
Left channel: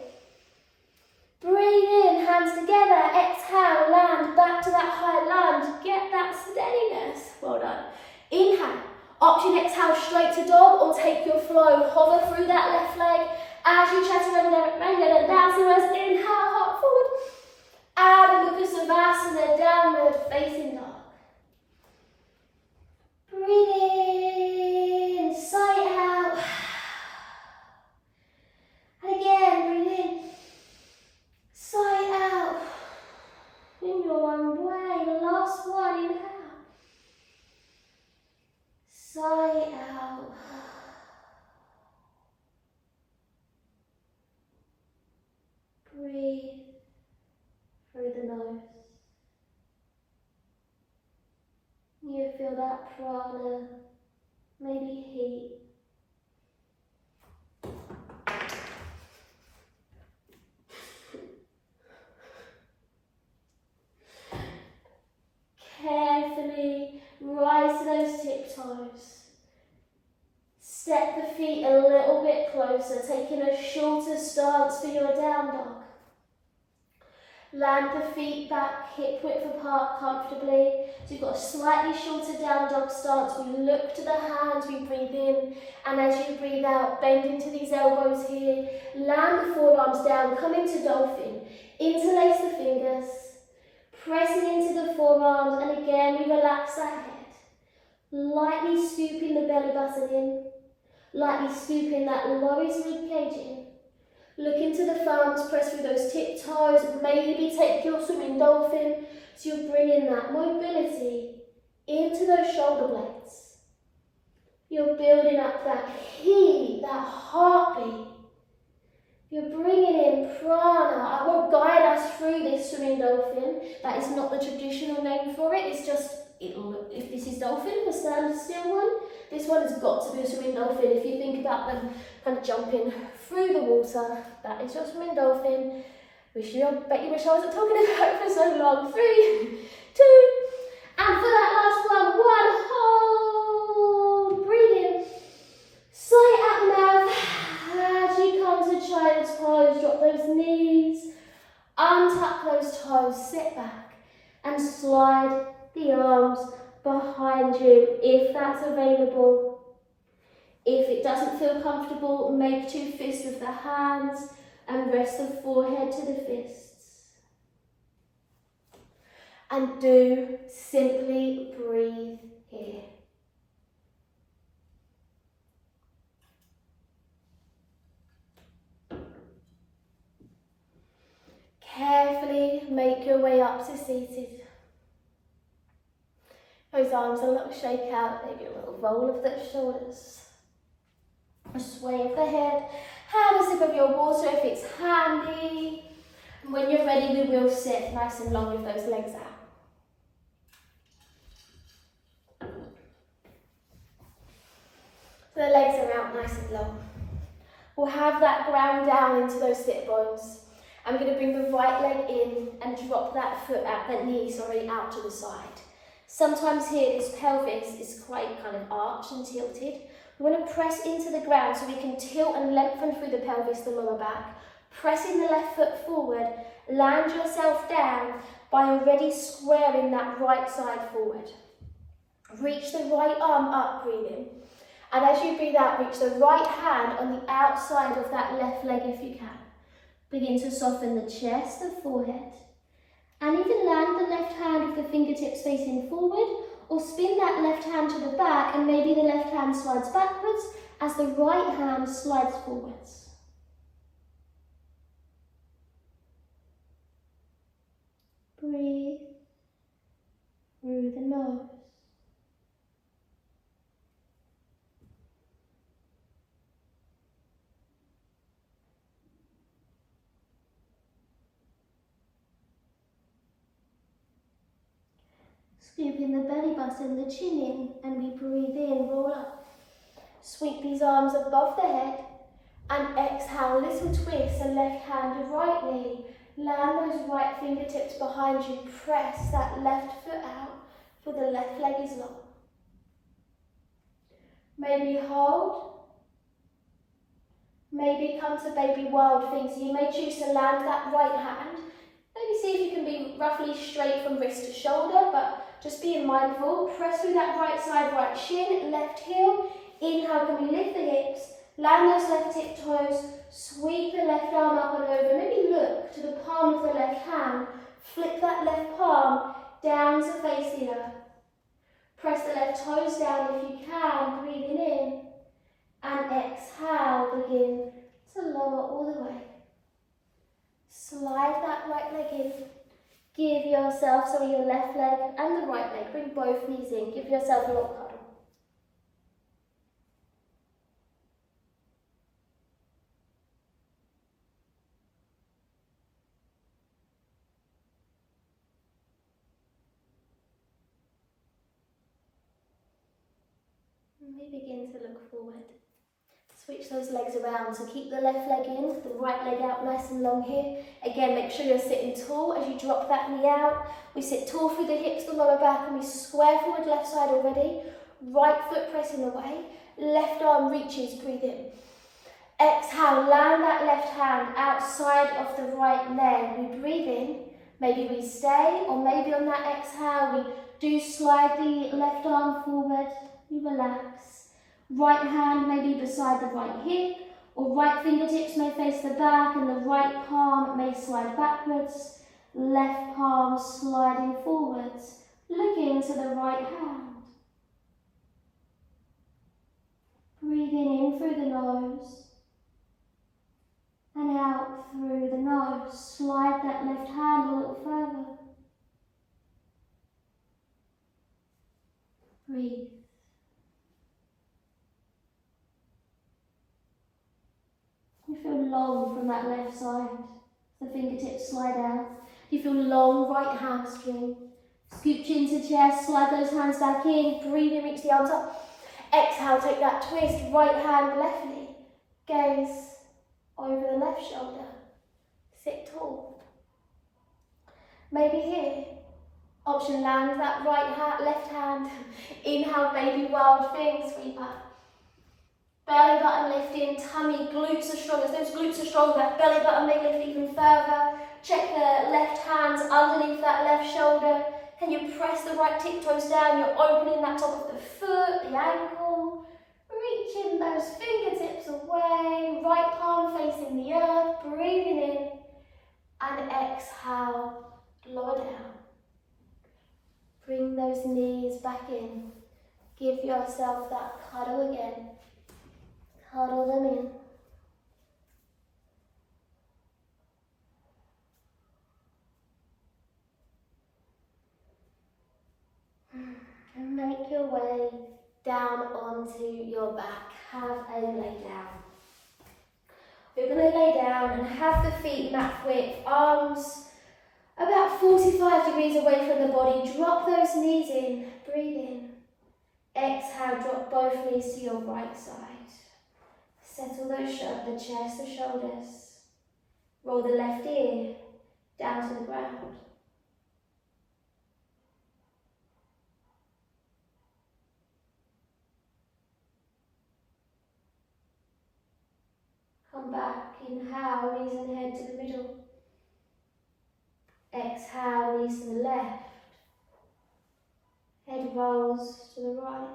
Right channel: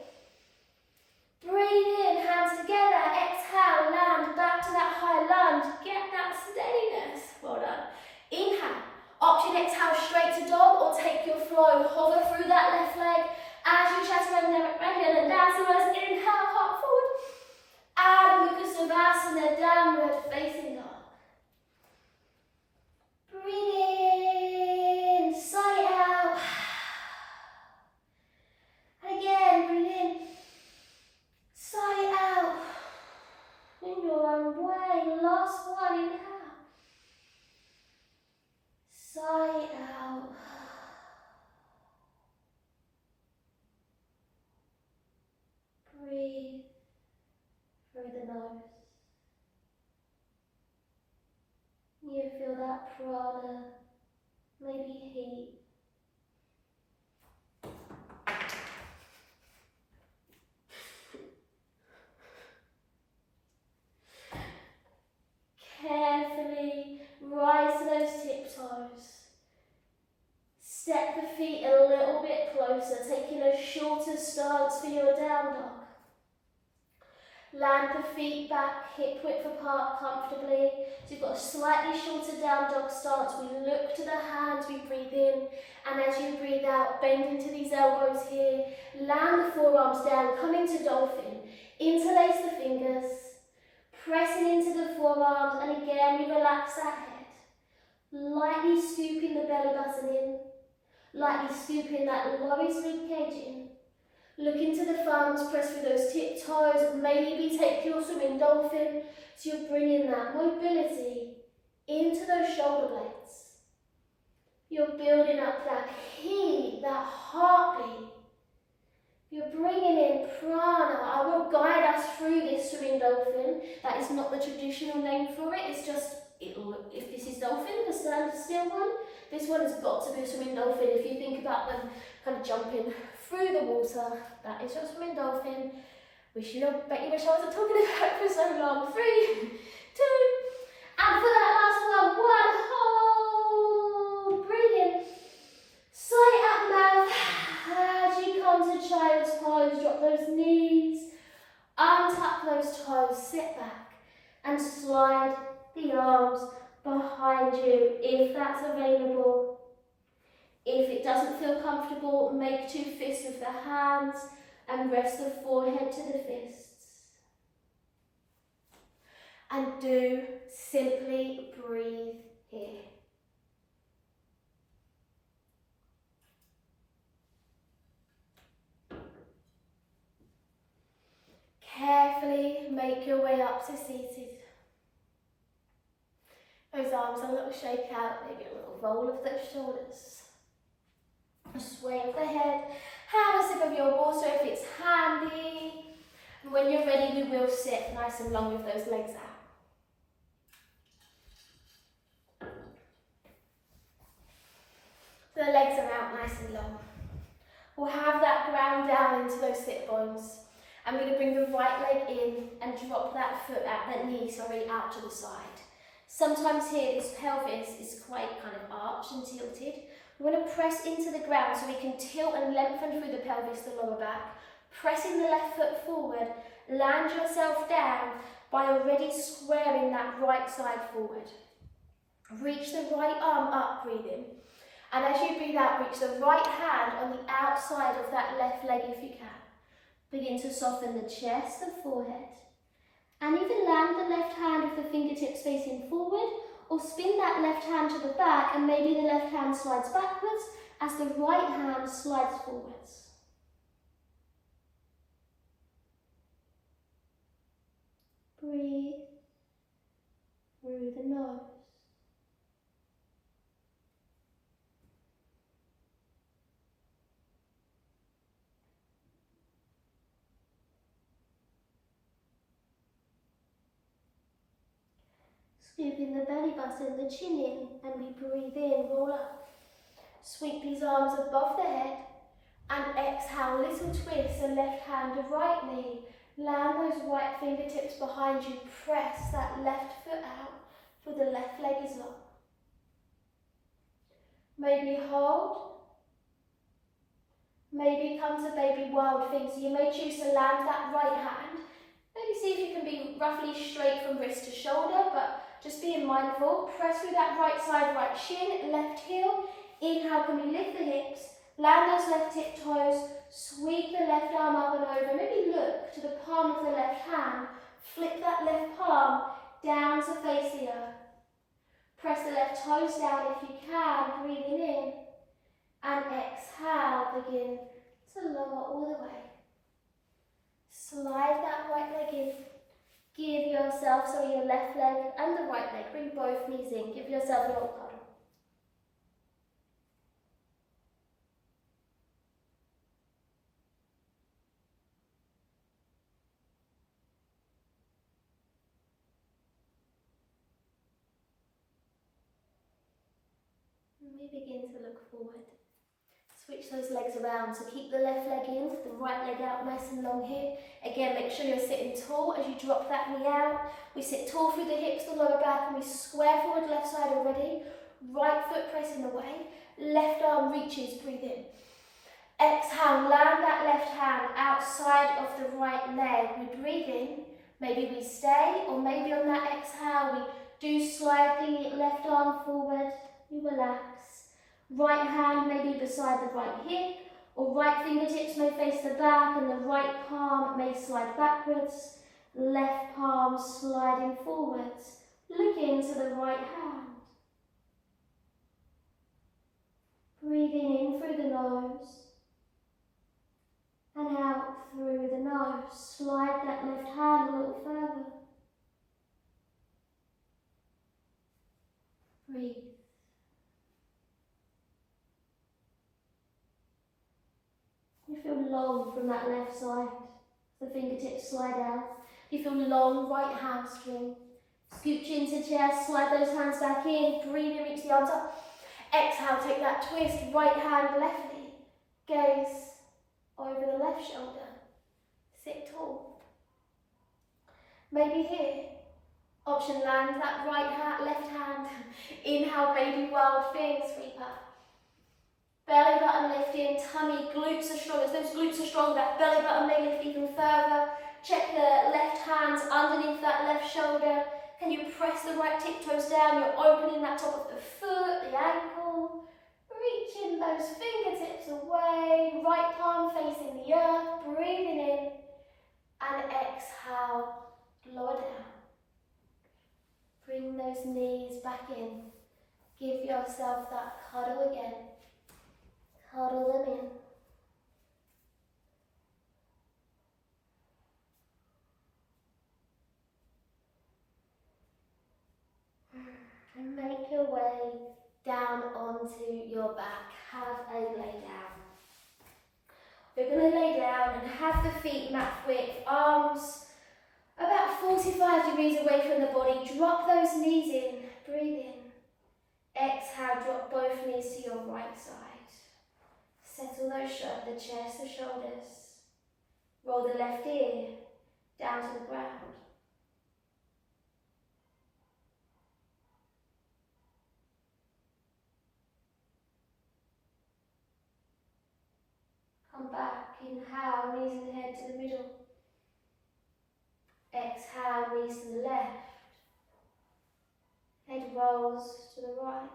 Breathe in, hands together, exhale, land back to that high lunge. Get that steadiness. Well done. Inhale, option exhale straight to dog or take your flow. Hover through that left leg as you chaturanga and down. So let's inhale, heart forward. Out of the Kusavasana, downward facing dog. Breathe in, sigh out. And again, breathe in. Sigh out in your own way. Last one, inhale. Sigh out. Breathe through the nose. You feel that prana, maybe heat. Carefully rise to those tiptoes. Step the feet a little bit closer, taking a shorter stance for your down dog. Land the feet back, hip width apart comfortably. So you've got a slightly shorter down dog stance. We look to the hands, we breathe in, and as you breathe out, bend into these elbows here. Land the forearms down, come into dolphin. Interlace the fingers. Pressing into the forearms, and again we relax that head. Lightly scooping the belly button in. Lightly scooping that lowest rib cage in. Look into the thumbs, press through those tiptoes, maybe take your swimming dolphin. So you're bringing that mobility into those shoulder blades. You're building up that heat, that heartbeat. You're bringing in prana. I won't guide us through this swimming dolphin. That is not the traditional name for it. It's just, if this is dolphin, the standard still one, this one has got to be a swimming dolphin. If you think about them kind of jumping through the water, that is your swimming dolphin. I bet you wish I wasn't talking about it for so long. 3, 2, and for that last one, hold, breathe in. Sigh out the mouth. As you come to child's pose, drop those knees, untuck those toes, sit back and slide the arms behind you if that's available. If it doesn't feel comfortable, make 2 fists of the hands and rest the forehead to the fists. And do simply breathe here. Carefully make your way up to seated. Those arms a little shake out, maybe a little roll of the shoulders. A sway of the head. Have a sip of your water if it's handy. And when you're ready, we will sit nice and long with those legs out. So the legs are out nice and long. We'll have that ground down into those sit bones. I'm going to bring the right leg in and drop that knee out to the side. Sometimes here this pelvis is quite kind of arched and tilted. We want to press into the ground so we can tilt and lengthen through the pelvis, the lower back. Pressing the left foot forward, land yourself down by already squaring that right side forward. Reach the right arm up, breathe in. And as you breathe out, reach the right hand on the outside of that left leg if you can. Begin to soften the chest, the forehead. And even land the left hand with the fingertips facing forward, or spin that left hand to the back and maybe the left hand slides backwards as the right hand slides forwards. Breathe through the nose. Scooping the belly button, the chin in, and we breathe in, roll up. Sweep these arms above the head, and exhale, little twist, the left hand to right knee. Land those right fingertips behind you, press that left foot out, for the left leg is long. Maybe hold. Maybe come to baby wild thing, so you may choose to land that right hand. Maybe see if you can be roughly straight from wrist to shoulder, but just being mindful. Press through that right side, right shin, left heel. Inhale, can we lift the hips, land those left tip toes, sweep the left arm up and over. Maybe look to the palm of the left hand, flip that left palm down to face the earth. Press the left toes down if you can, breathing in. And exhale, begin to lower all the way. Slide that right leg in. Give yourself, so your left leg and the right leg, bring both knees in. Give yourself a little cuddle. And we begin to look forward. Switch those legs around, so keep the left leg in, the right leg out nice and long here. Again, make sure you're sitting tall as you drop that knee out. We sit tall through the hips, the lower back, and we square forward left side already. Right foot pressing away, left arm reaches, breathe in. Exhale, land that left hand outside of the right leg. We breathe in, maybe we stay, or maybe on that exhale we do slide the left arm forward, you relax. Right hand may be beside the right hip, or right fingertips may face the back and the right palm may slide backwards, left palm sliding forwards, looking to the right hand. Breathing in through the nose and out through the nose. Slide that left hand a little further. Breathe. You feel long from that left side. The fingertips slide out. You feel long right hamstring. Scoop chin to chest, slide those hands back in. Breathe in, reach the arms up. Exhale, take that twist. Right hand, left knee. Gaze over the left shoulder. Sit tall. Maybe here. Option, land that right hand, left hand. Inhale, baby wild thing, sweep up. Belly button lift in, tummy, glutes are strong. As those glutes are strong, that belly button may lift even further. Check the left hands underneath that left shoulder. Can you press the right tiptoes down? You're opening that top of the foot, the ankle. Reaching those fingertips away. Right palm facing the earth. Breathing in. And exhale, lower down. Bring those knees back in. Give yourself that cuddle again. Cuddle them in. And make your way down onto your back. Have a lay down. We're going to lay down and have the feet mat width, arms about 45 degrees away from the body. Drop those knees in. Breathe in. Exhale, drop both knees to your right side. Settle those the chest, the shoulders. Roll the left ear down to the ground. Come back, inhale, knees and head to the middle. Exhale, knees to the left. Head rolls to the right.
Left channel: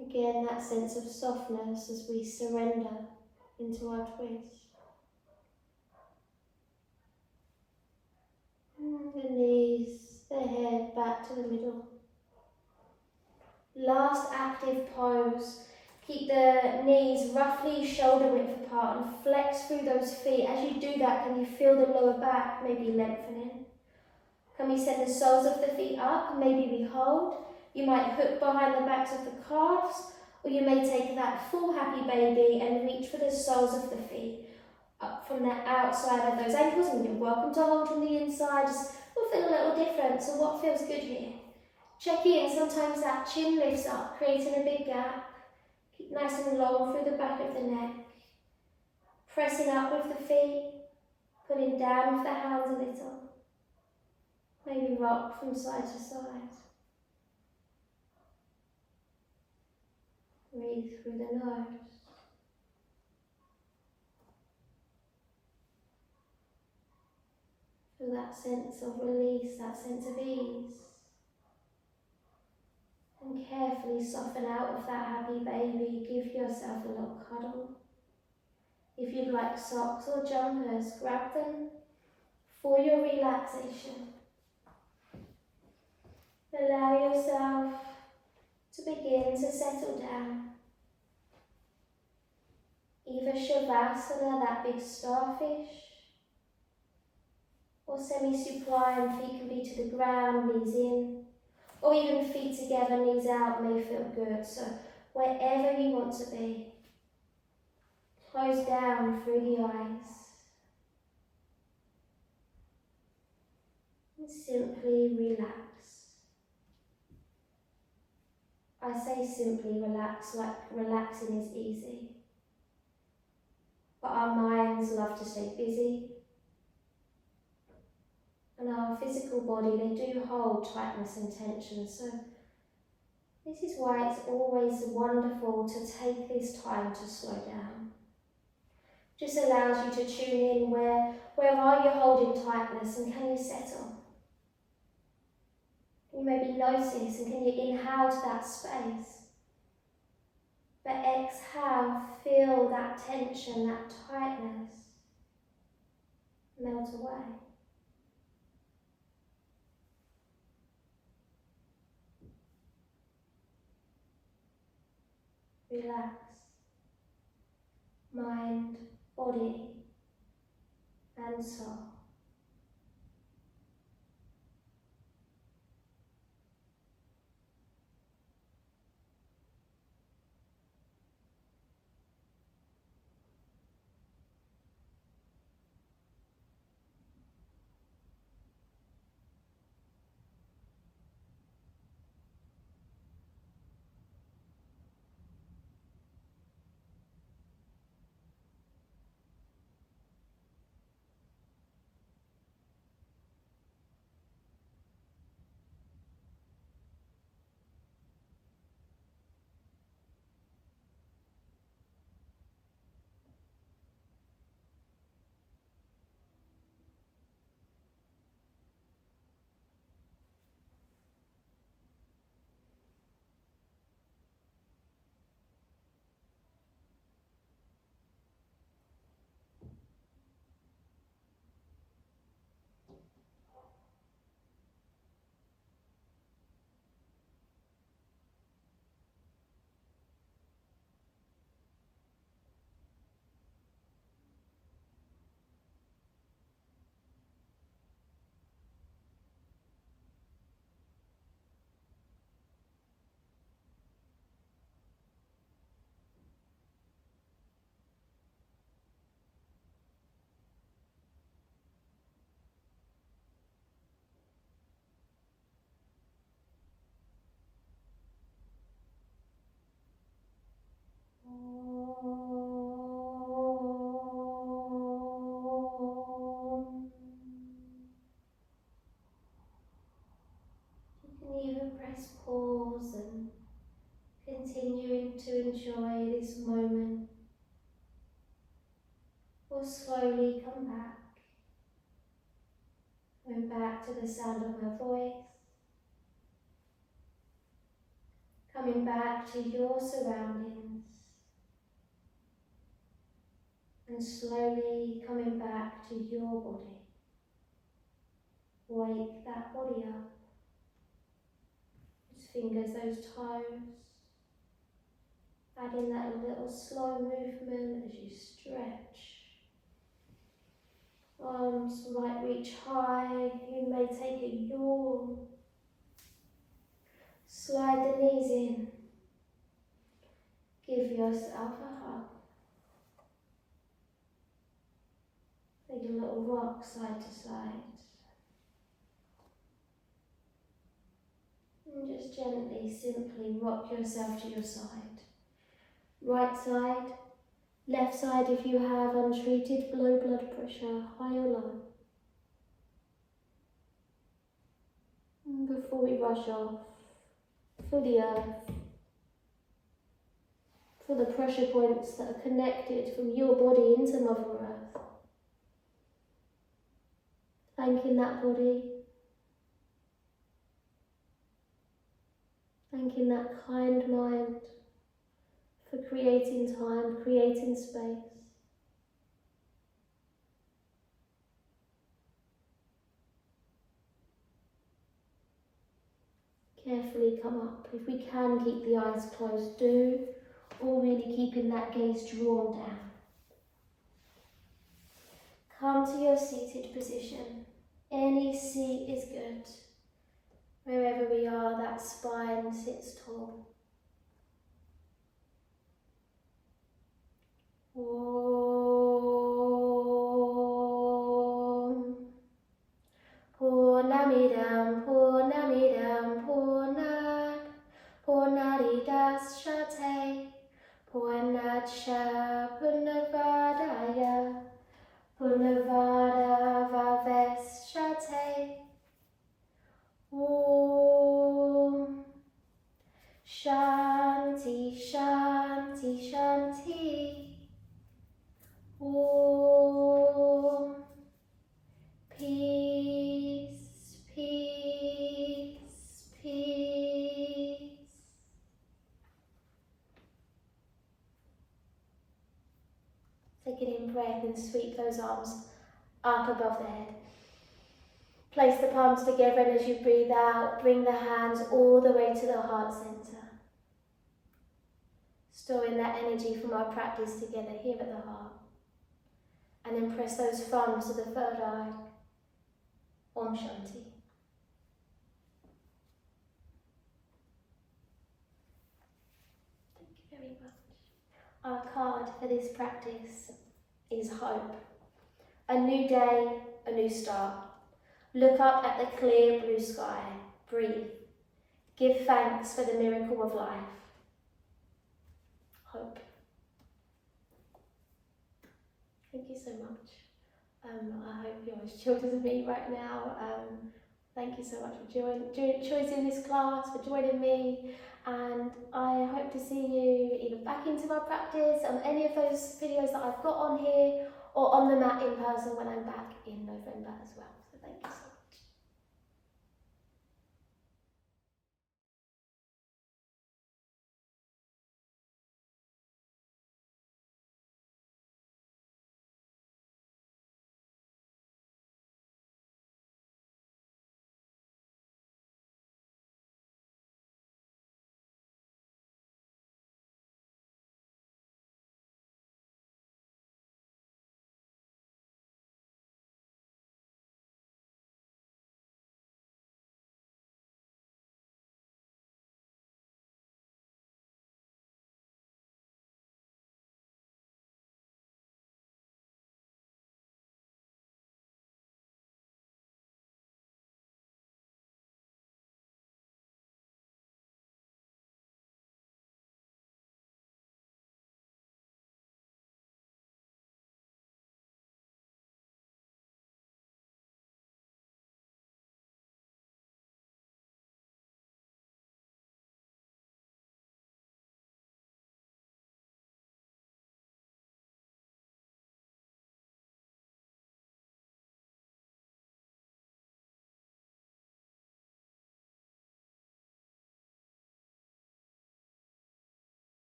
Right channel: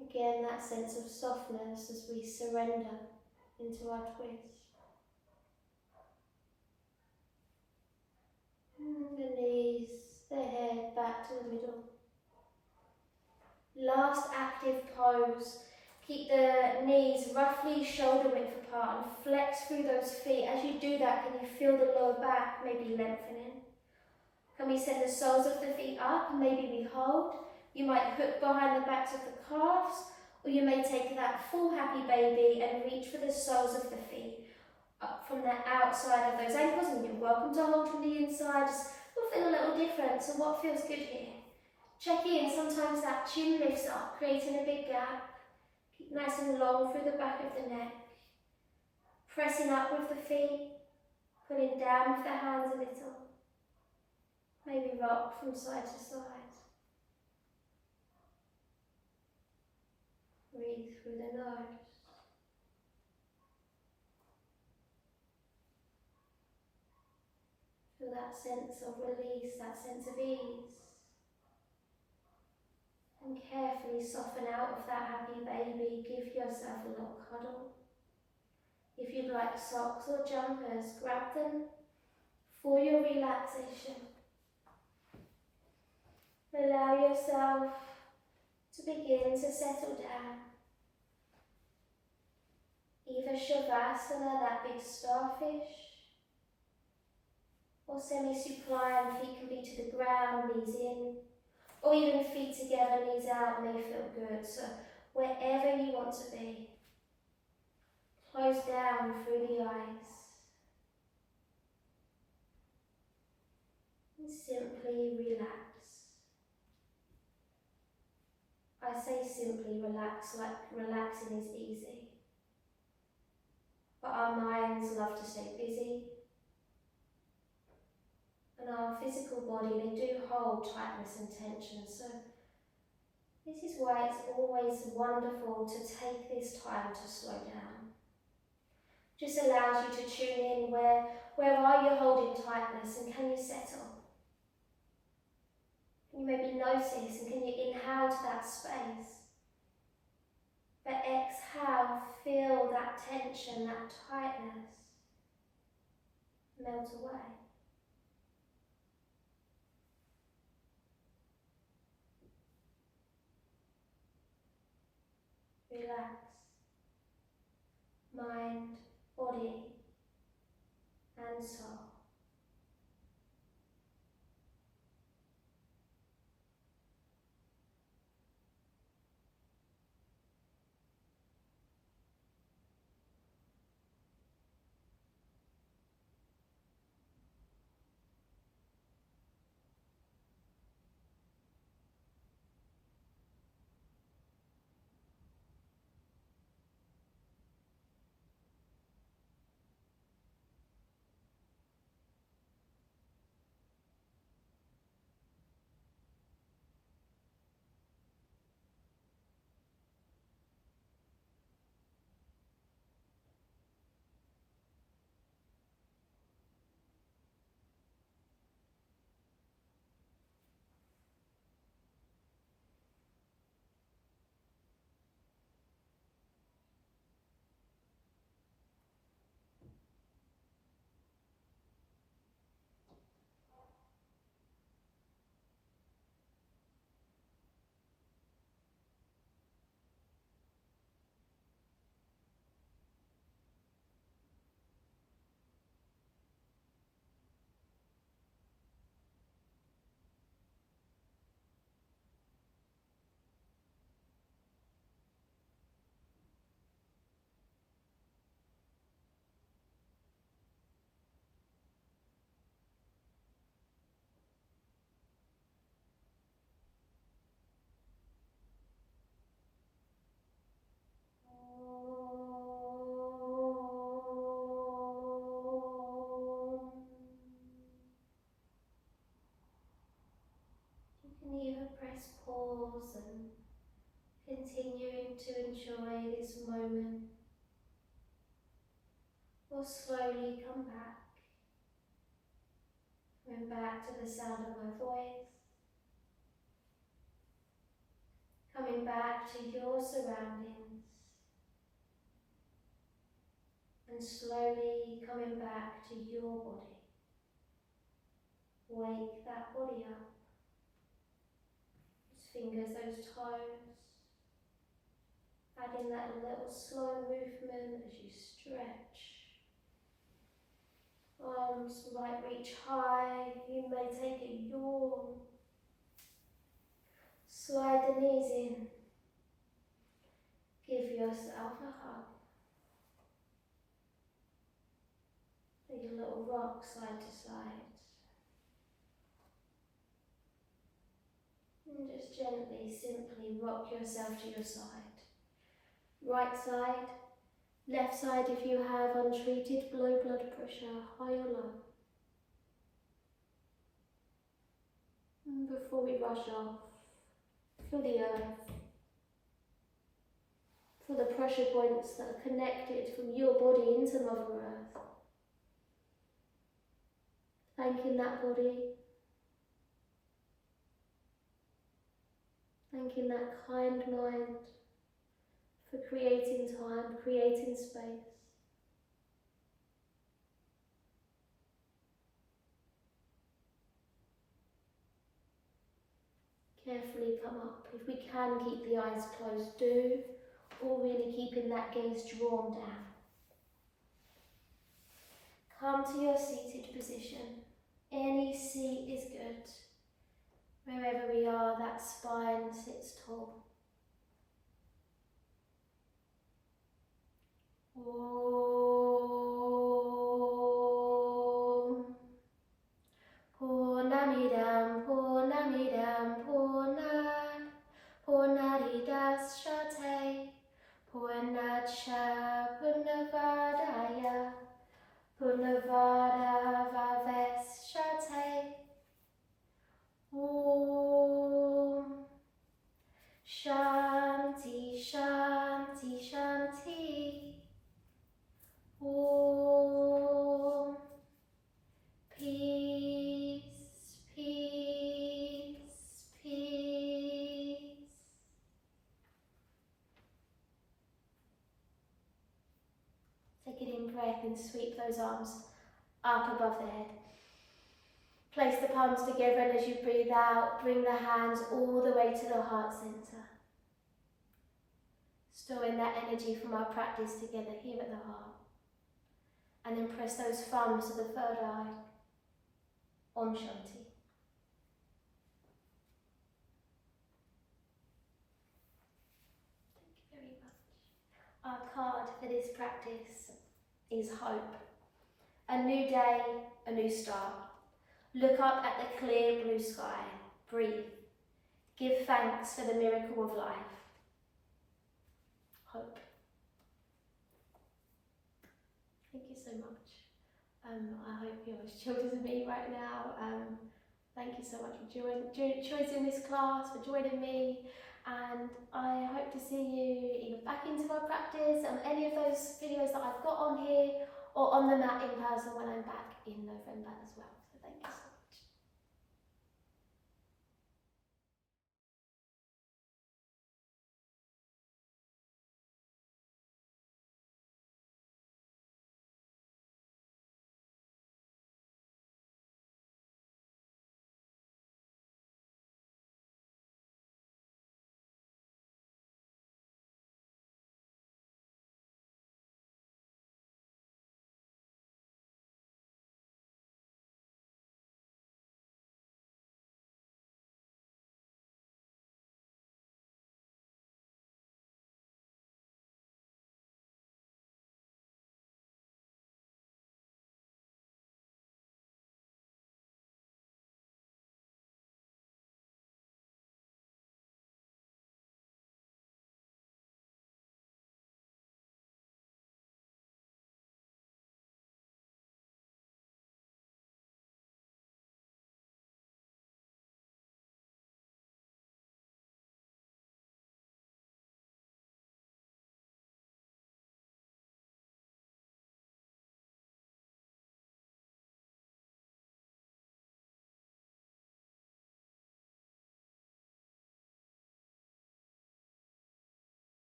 Again, that sense of softness as we surrender into our twist. The knees, the head back to the middle. Last active pose. Keep the knees roughly shoulder width apart and flex through those feet. As you do that, can you feel the lower back maybe lengthening? Can we send the soles of the feet up? Maybe we hold. You might hook behind the backs of the calves, or you may take that full happy baby and reach for the soles of the feet. up from the outside of those ankles, and you're welcome to hold from the inside. Just will feel a little different, so what feels good here? Check in, sometimes that chin lifts up, creating a big gap. Keep nice and long through the back of the neck. Pressing up with the feet, pulling down with the hands a little. Maybe rock from side to side. Breathe through the nose. Feel that sense of release, that sense of ease. And carefully soften out of that happy baby. Give yourself a little cuddle. If you'd like socks or jumpers, grab them for your relaxation. Allow yourself to begin to settle down. Either Shavasana, that big starfish, or semi-supine, feet can be to the ground, knees in, or even feet together, knees out may feel good. So wherever you want to be, close down through the eyes. And simply relax. I say simply relax, like relaxing is easy. But our minds love to stay busy. And our physical body, they do hold tightness and tension. So this is why it's always wonderful to take this time to slow down. Just allows you to tune in where are you holding tightness, and can you settle? Can you maybe notice, and can you inhale to that space? But exhale, feel that tension, that tightness melt away. Relax. Mind, body, and soul. You can even press pause and continuing to enjoy this moment, or slowly come back. Going back to the sound of my voice, coming back to your surroundings, and slowly coming back to your body. Wake that body up. Those fingers, those toes, adding that little slow movement as you stretch. Arms might reach high, you may take a yawn. Slide the knees in. Give yourself a hug. rock side to side. And just gently, simply rock yourself to your side. Right side, left side if you have untreated low blood pressure, high or low. And before we rush off, for the earth, for the pressure points that are connected from your body into Mother Earth. Thanking that body, thanking that kind mind for creating time, creating space. Carefully come up. If we can keep the eyes closed, do, or really keeping that gaze drawn down. Come to your seated position. Any seat is good. Wherever we are, that spine sits tall. Om Purnamidam Purnamidam Purnadidashate Purnadsha Purnavadaya Purnavadavavesyate. Om Shanti Shanti Shanti. Om Peace, peace, peace. Take an in breath and sweep those arms up above the head. Place the palms together, and as you breathe out, bring the hands all the way to the heart center. Storing that energy from our practice together here at the heart. And then press those thumbs to the third eye. Om Shanti. Thank you very much. Our card for this practice is hope. A new day, a new start. Look up at the clear blue sky. Breathe. Give thanks for the miracle of life. Hope. Thank you so much. I hope you're as chilled as me right now. Thank you so much for choosing this class, for joining me, and I hope to see you either back into our practice on any of those videos that I've got on here, or on the mat in person when I'm back in November as well. So thank you so much.